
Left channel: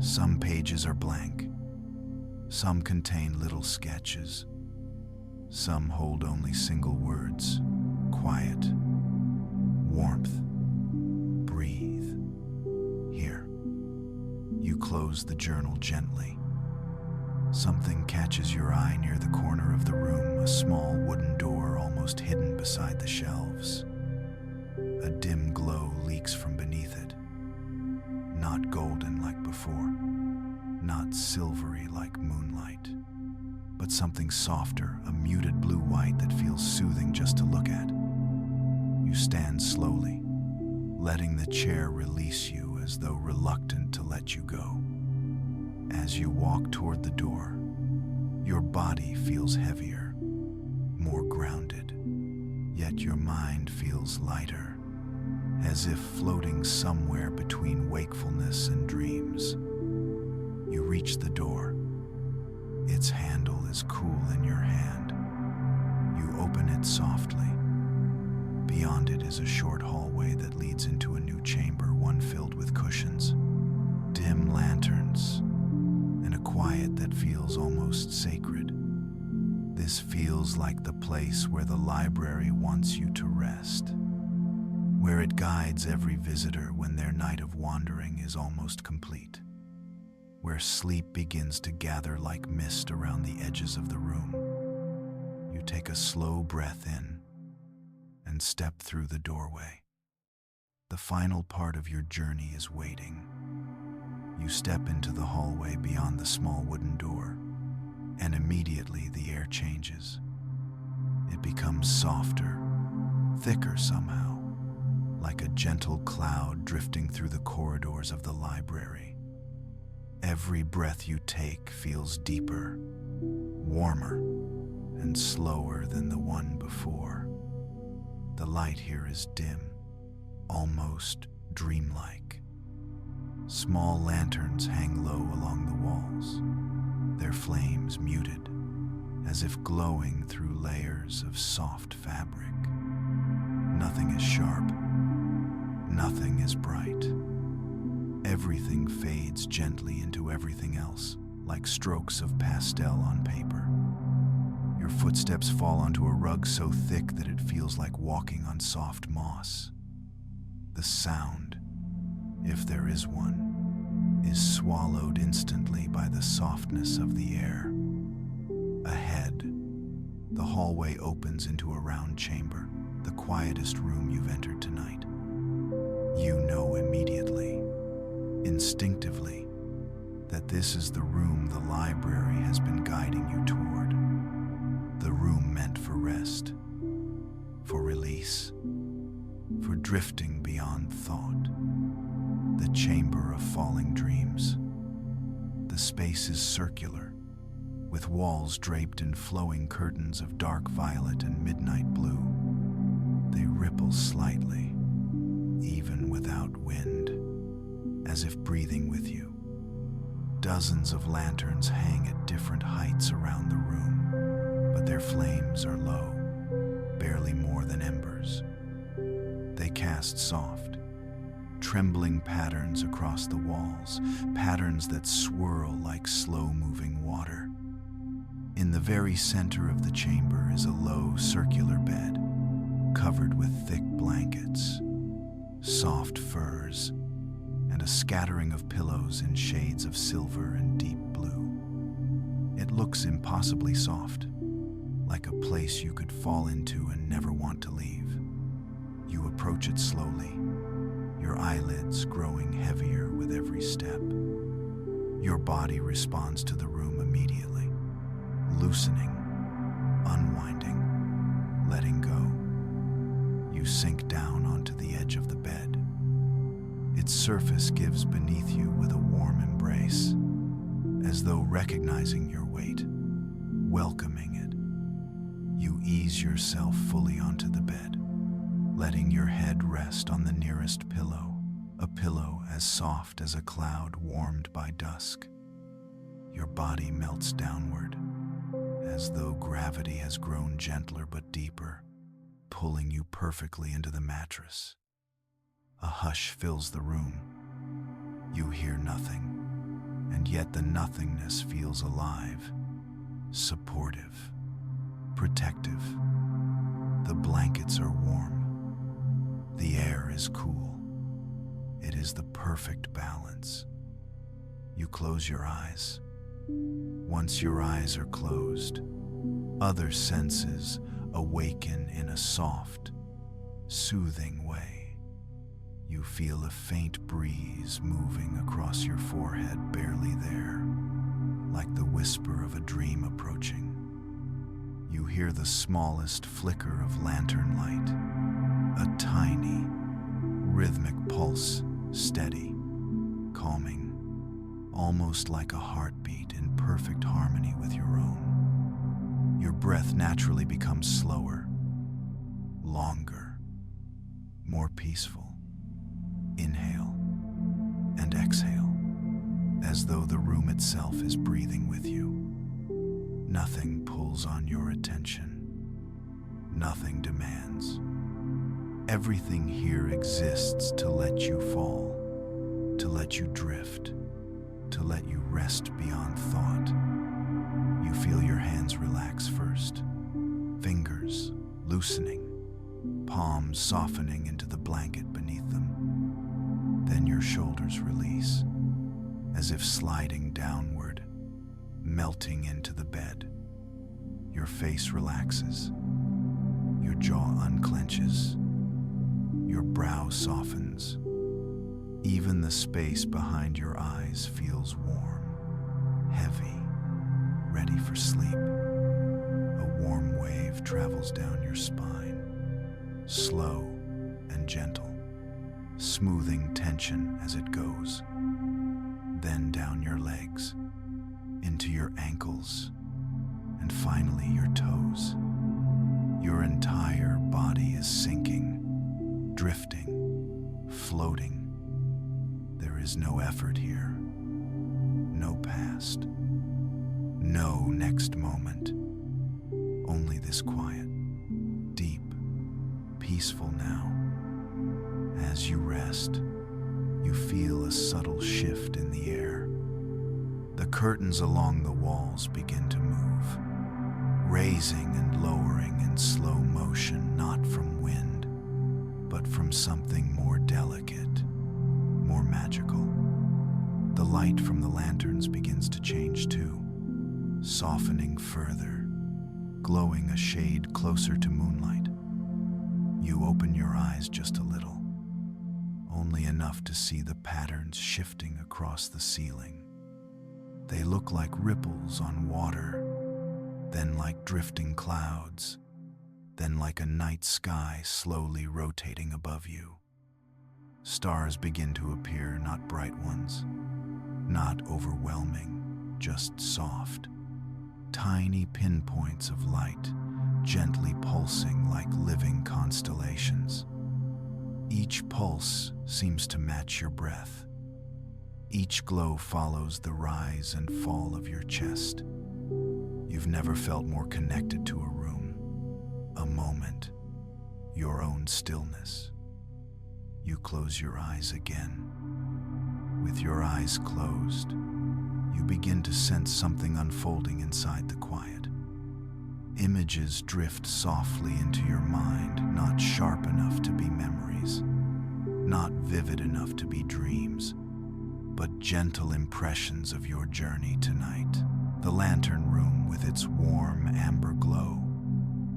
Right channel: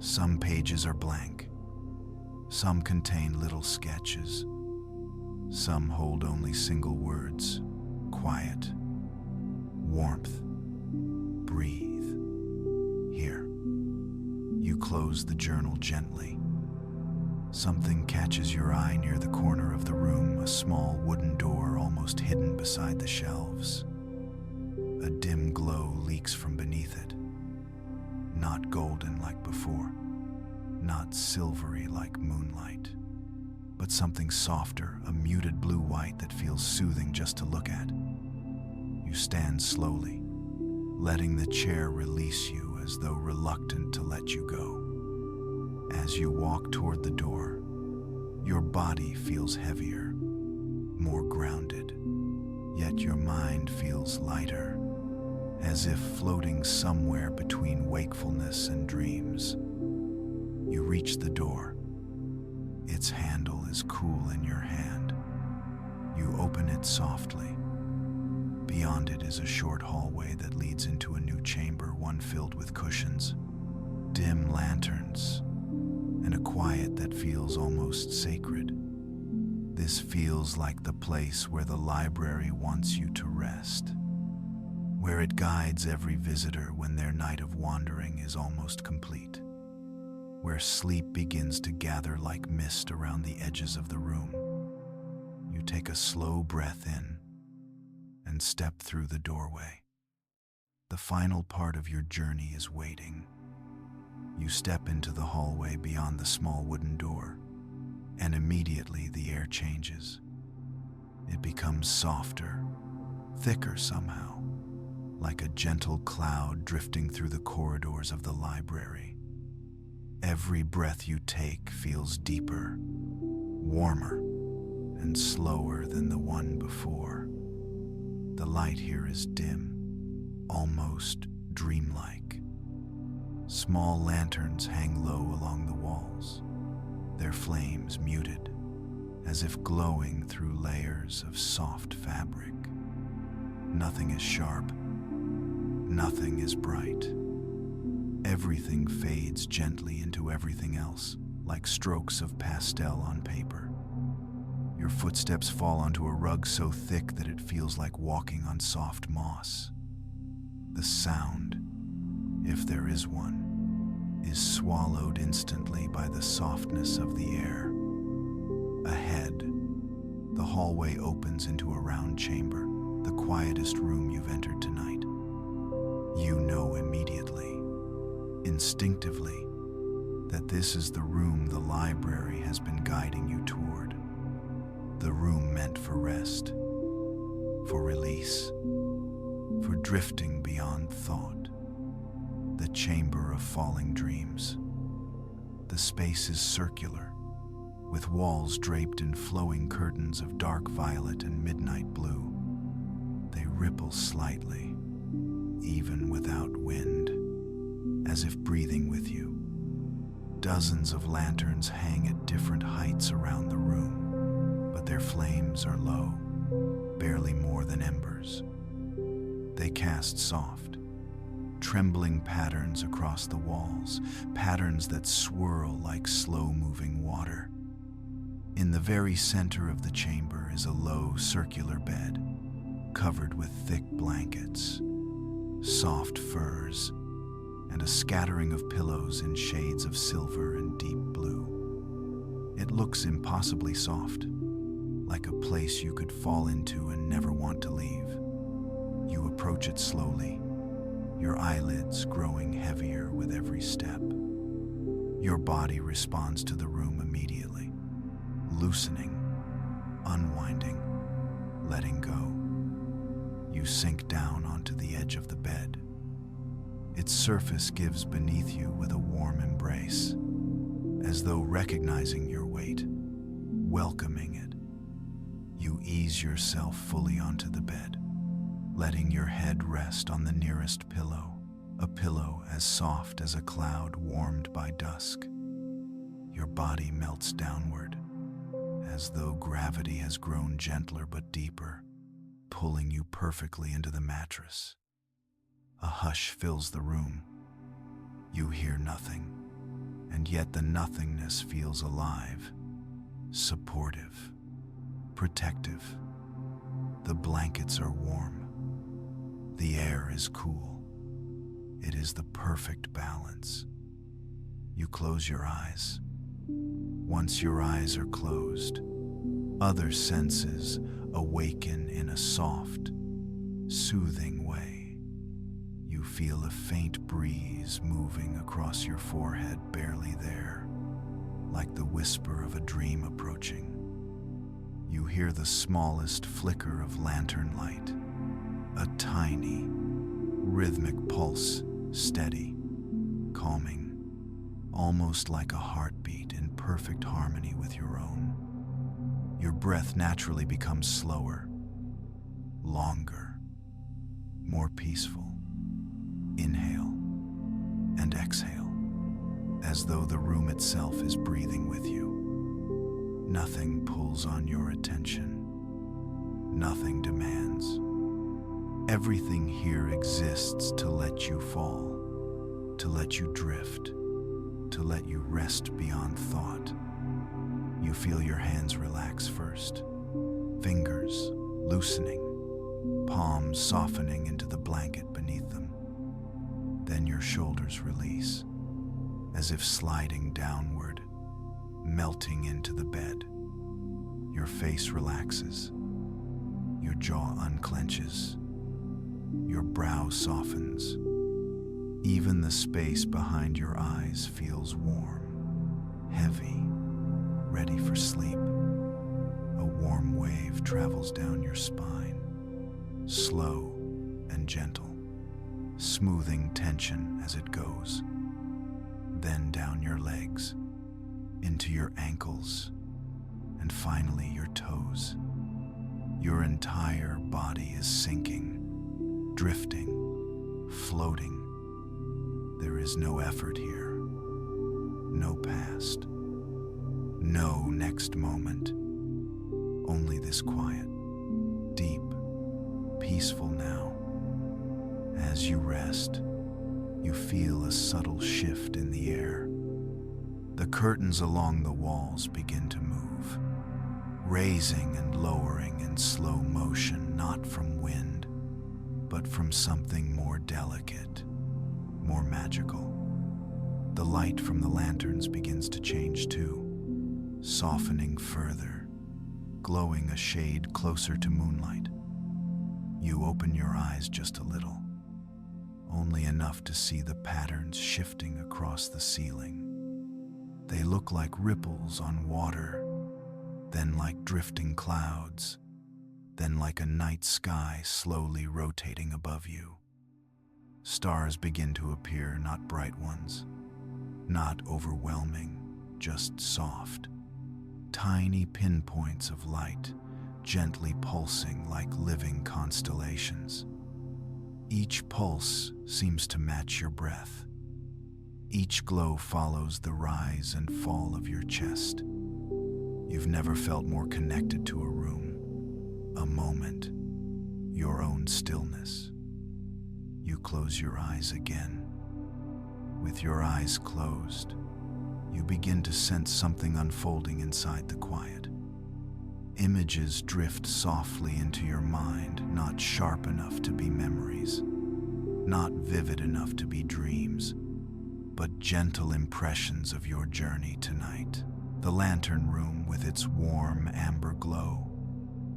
Some pages are blank. Some contain little sketches. Some hold only single words: quiet, warmth, breathe. Here. You close the journal gently. Something catches your eye near the corner of the room, a small wooden door almost hidden beside the shelves. A dim glow leaks from beneath it. Not golden like before, not silvery like moonlight, but something softer, a muted blue-white that feels soothing just to look at. You stand slowly, letting the chair release you as though reluctant to let you go. As you walk toward the door, your body feels heavier, more grounded, yet your mind feels lighter, as if floating somewhere between wakefulness and dreams. You reach the door. Its handle is cool in your hand. You open it softly. Beyond it is a short hallway that leads into a new chamber, one filled with cushions, dim lanterns, and a quiet that feels almost sacred. This feels like the place where the library wants you to rest, where it guides every visitor when their night of wandering is almost complete, where sleep begins to gather like mist around the edges of the room. You take a slow breath in and step through the doorway. The final part of your journey is waiting. You step into the hallway beyond the small wooden door, and immediately the air changes. It becomes softer, thicker somehow, like a gentle cloud drifting through the corridors of the library. Every breath you take feels deeper, warmer, and slower than the one before. The light here is dim, almost dreamlike. Small lanterns hang low along the walls, their flames muted, as if glowing through layers of soft fabric. Nothing is sharp, nothing is bright. Everything fades gently into everything else, like strokes of pastel on paper. Your footsteps fall onto a rug so thick that it feels like walking on soft moss. The sound, if there is one, is swallowed instantly by the softness of the air. Ahead, the hallway opens into a round chamber, the quietest room you've entered tonight. You know immediately, instinctively, that this is the room the library has been guiding you toward. The room meant for rest, for release, for drifting beyond thought. The chamber of falling dreams. The space is circular, with walls draped in flowing curtains of dark violet and midnight blue. They ripple slightly, even without wind, as if breathing with you. Dozens of lanterns hang at different heights around the room, but their flames are low, barely more than embers. They cast soft, trembling patterns across the walls, patterns that swirl like slow-moving water. In the very center of the chamber is a low, circular bed, covered with thick blankets, soft furs, and a scattering of pillows in shades of silver and deep blue. It looks impossibly soft, like a place you could fall into and never want to leave. You approach it slowly, your eyelids growing heavier with every step. Your body responds to the room immediately, loosening, unwinding, letting go. You sink down onto the edge of the bed. Its surface gives beneath you with a warm embrace, as though recognizing your weight, welcoming it. You ease yourself fully onto the bed, letting your head rest on the nearest pillow, a pillow as soft as a cloud warmed by dusk. Your body melts downward, as though gravity has grown gentler but deeper, pulling you perfectly into the mattress. A hush fills the room. You hear nothing, and yet the nothingness feels alive, supportive, protective. The blankets are warm. The air is cool. It is the perfect balance. You close your eyes. Once your eyes are closed, other senses awaken in a soft, soothing way. You feel a faint breeze moving across your forehead, barely there, like the whisper of a dream approaching. You hear the smallest flicker of lantern light, a tiny, rhythmic pulse, steady, calming, almost like a heartbeat in perfect harmony with your own. Your breath naturally becomes slower, longer, more peaceful. Inhale and exhale, as though the room itself is breathing with you. Nothing pulls on your attention. Nothing demands. Everything here exists to let you fall, to let you drift, to let you rest beyond thought. You feel your hands relax first, fingers loosening, palms softening into the blanket beneath them. Then your shoulders release, as if sliding downward, melting into the bed. Your face relaxes, your jaw unclenches, your brow softens. Even the space behind your eyes feels warm, heavy, ready for sleep. A warm wave travels down your spine, slow and gentle, smoothing tension as it goes. Then down your legs, into your ankles, and finally your toes. Your entire body is sinking, drifting, floating. There is no effort here, no past, no next moment. Only this quiet, deep, peaceful now. As you rest, you feel a subtle shift in the air. The curtains along the walls begin to move, raising and lowering in slow motion, not from wind, but from something more delicate, more magical. The light from the lanterns begins to change too, softening further, glowing a shade closer to moonlight. You open your eyes just a little, only enough to see the patterns shifting across the ceiling. They look like ripples on water, then like drifting clouds, then like a night sky slowly rotating above you. Stars begin to appear, not bright ones, not overwhelming, just soft, tiny pinpoints of light, gently pulsing like living constellations. Each pulse seems to match your breath. Each glow follows the rise and fall of your chest. You've never felt more connected to a room, a moment, your own stillness. You close your eyes again. With your eyes closed, you begin to sense something unfolding inside the quiet. Images drift softly into your mind, not sharp enough to be memories, not vivid enough to be dreams, but gentle impressions of your journey tonight. The lantern room with its warm amber glow,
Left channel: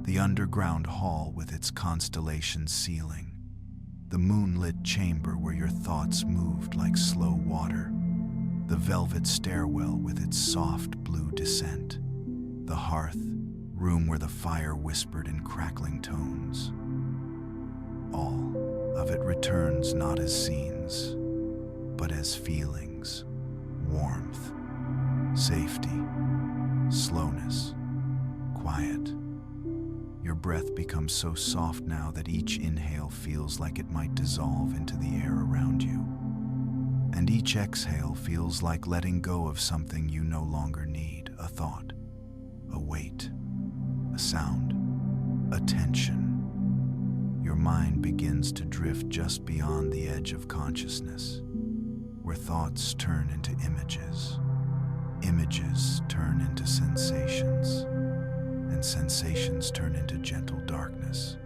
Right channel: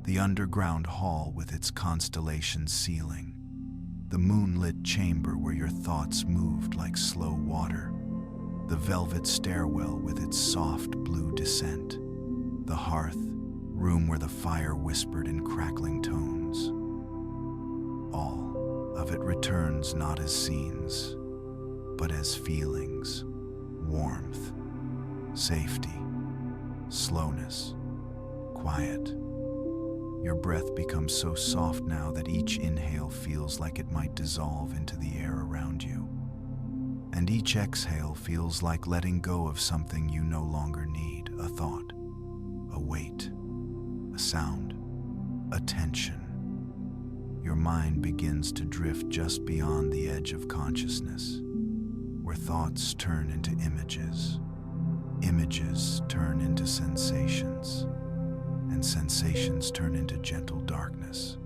the underground hall with its constellation ceiling, the moonlit chamber where your thoughts moved like slow water, the velvet stairwell with its soft blue descent, the hearth, room where the fire whispered in crackling tones. All of it returns not as scenes, but as feelings, warmth, safety, slowness, quiet. Your breath becomes so soft now that each inhale feels like it might dissolve into the air around you. And each exhale feels like letting go of something you no longer need, a thought, a weight, a sound, a tension. Your mind begins to drift just beyond the edge of consciousness, where thoughts turn into images, images turn into sensations, and sensations turn into gentle darkness.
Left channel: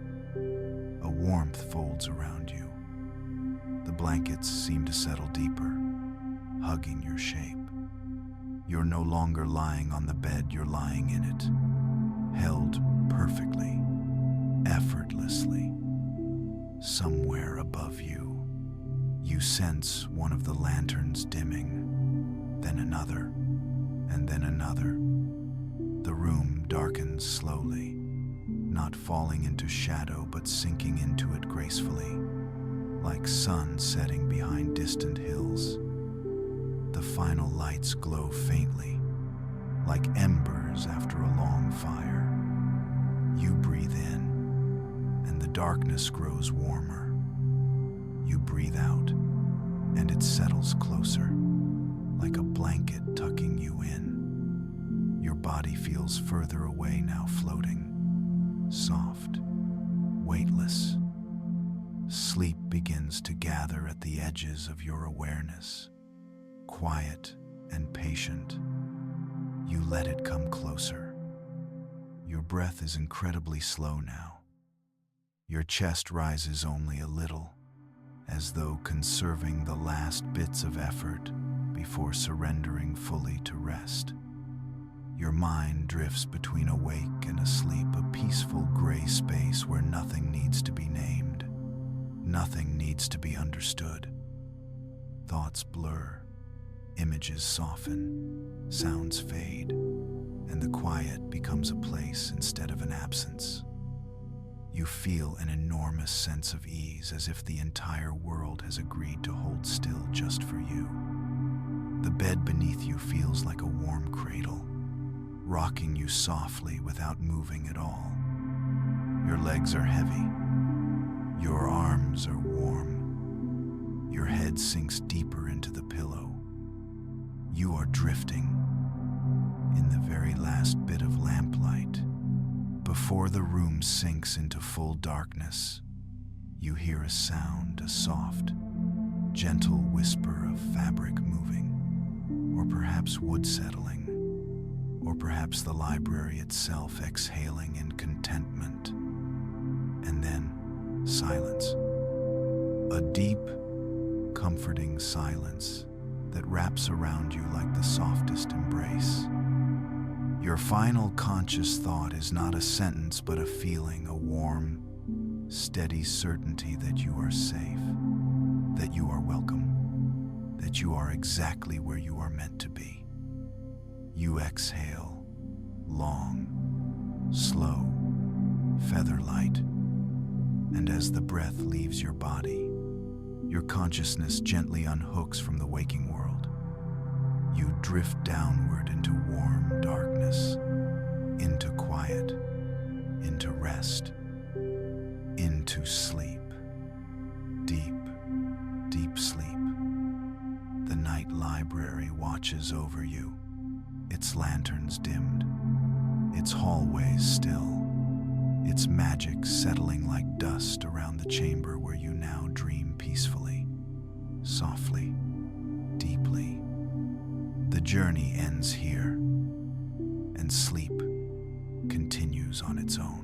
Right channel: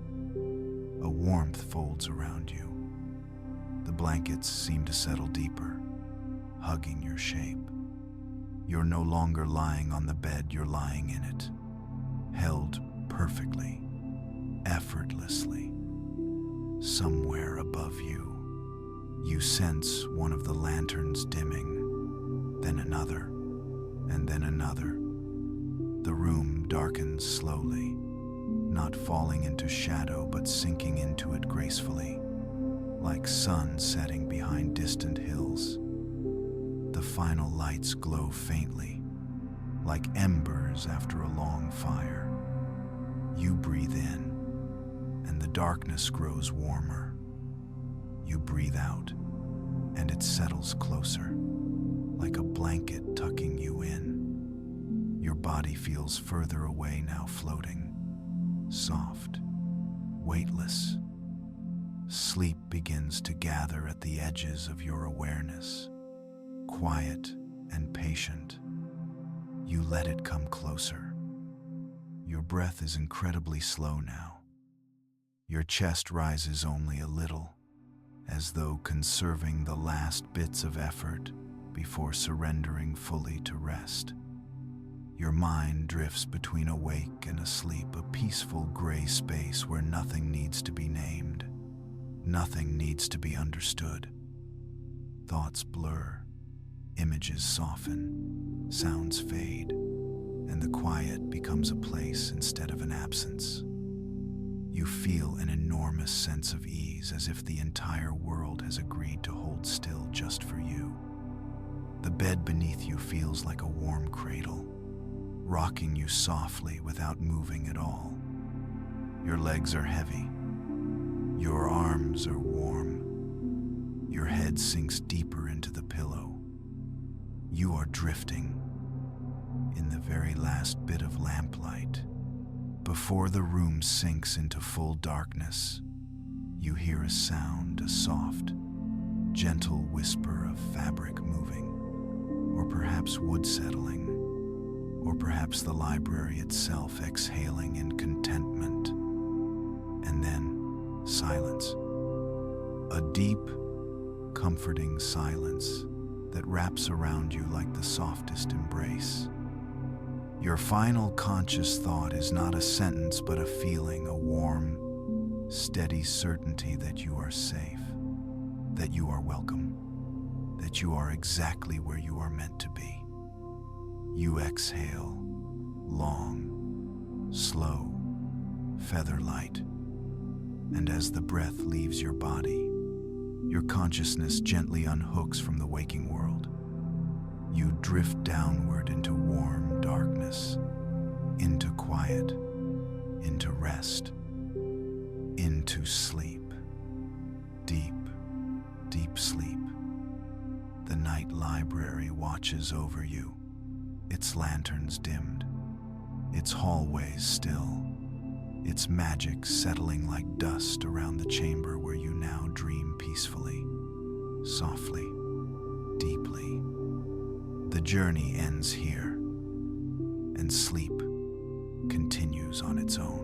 A warmth folds around you. The blankets seem to settle deeper, hugging your shape. You're no longer lying on the bed, you're lying in it, held perfectly, effortlessly. Somewhere above you, you sense one of the lanterns dimming, then another, and then another. The room darkens slowly, not falling into shadow but sinking into it gracefully, like sun setting behind distant hills. The final lights glow faintly, like embers after a long fire. You breathe in, and the darkness grows warmer. You breathe out, and it settles closer, like a blanket tucking you in. Your body feels further away now, floating, soft, weightless. Sleep begins to gather at the edges of your awareness, quiet and patient. You let it come closer. Your breath is incredibly slow now. Your chest rises only a little, as though conserving the last bits of effort before surrendering fully to rest. Your mind drifts between awake and asleep, a peaceful gray space where nothing needs to be named, nothing needs to be understood. Thoughts blur, images soften, sounds fade, and the quiet becomes a place instead of an absence. You feel an enormous sense of ease, as if the entire world has agreed to hold still just for you. The bed beneath you feels like a warm cradle, rocking you softly without moving at all. Your legs are heavy. Your arms are warm. Your head sinks deeper into the pillow. You are drifting in the very last bit of lamplight. Before the room sinks into full darkness, you hear a sound, a soft, gentle whisper of fabric moving, or perhaps wood settling, or perhaps the library itself exhaling in contentment. And then silence. A deep, comforting silence that wraps around you like the softest embrace. Your final conscious thought is not a sentence but a feeling, a warm, steady certainty that you are safe, that you are welcome, that you are exactly where you are meant to be. You exhale, long, slow, feather-light, and as the breath leaves your body, your consciousness gently unhooks from the waking world. You drift downward into warm darkness, into quiet, into rest, into sleep. Deep, deep sleep. The night library watches over you, its lanterns dimmed, its hallways still, its magic settling like dust around the chamber where you now dream peacefully, softly, deeply. The journey ends here, and sleep continues on its own.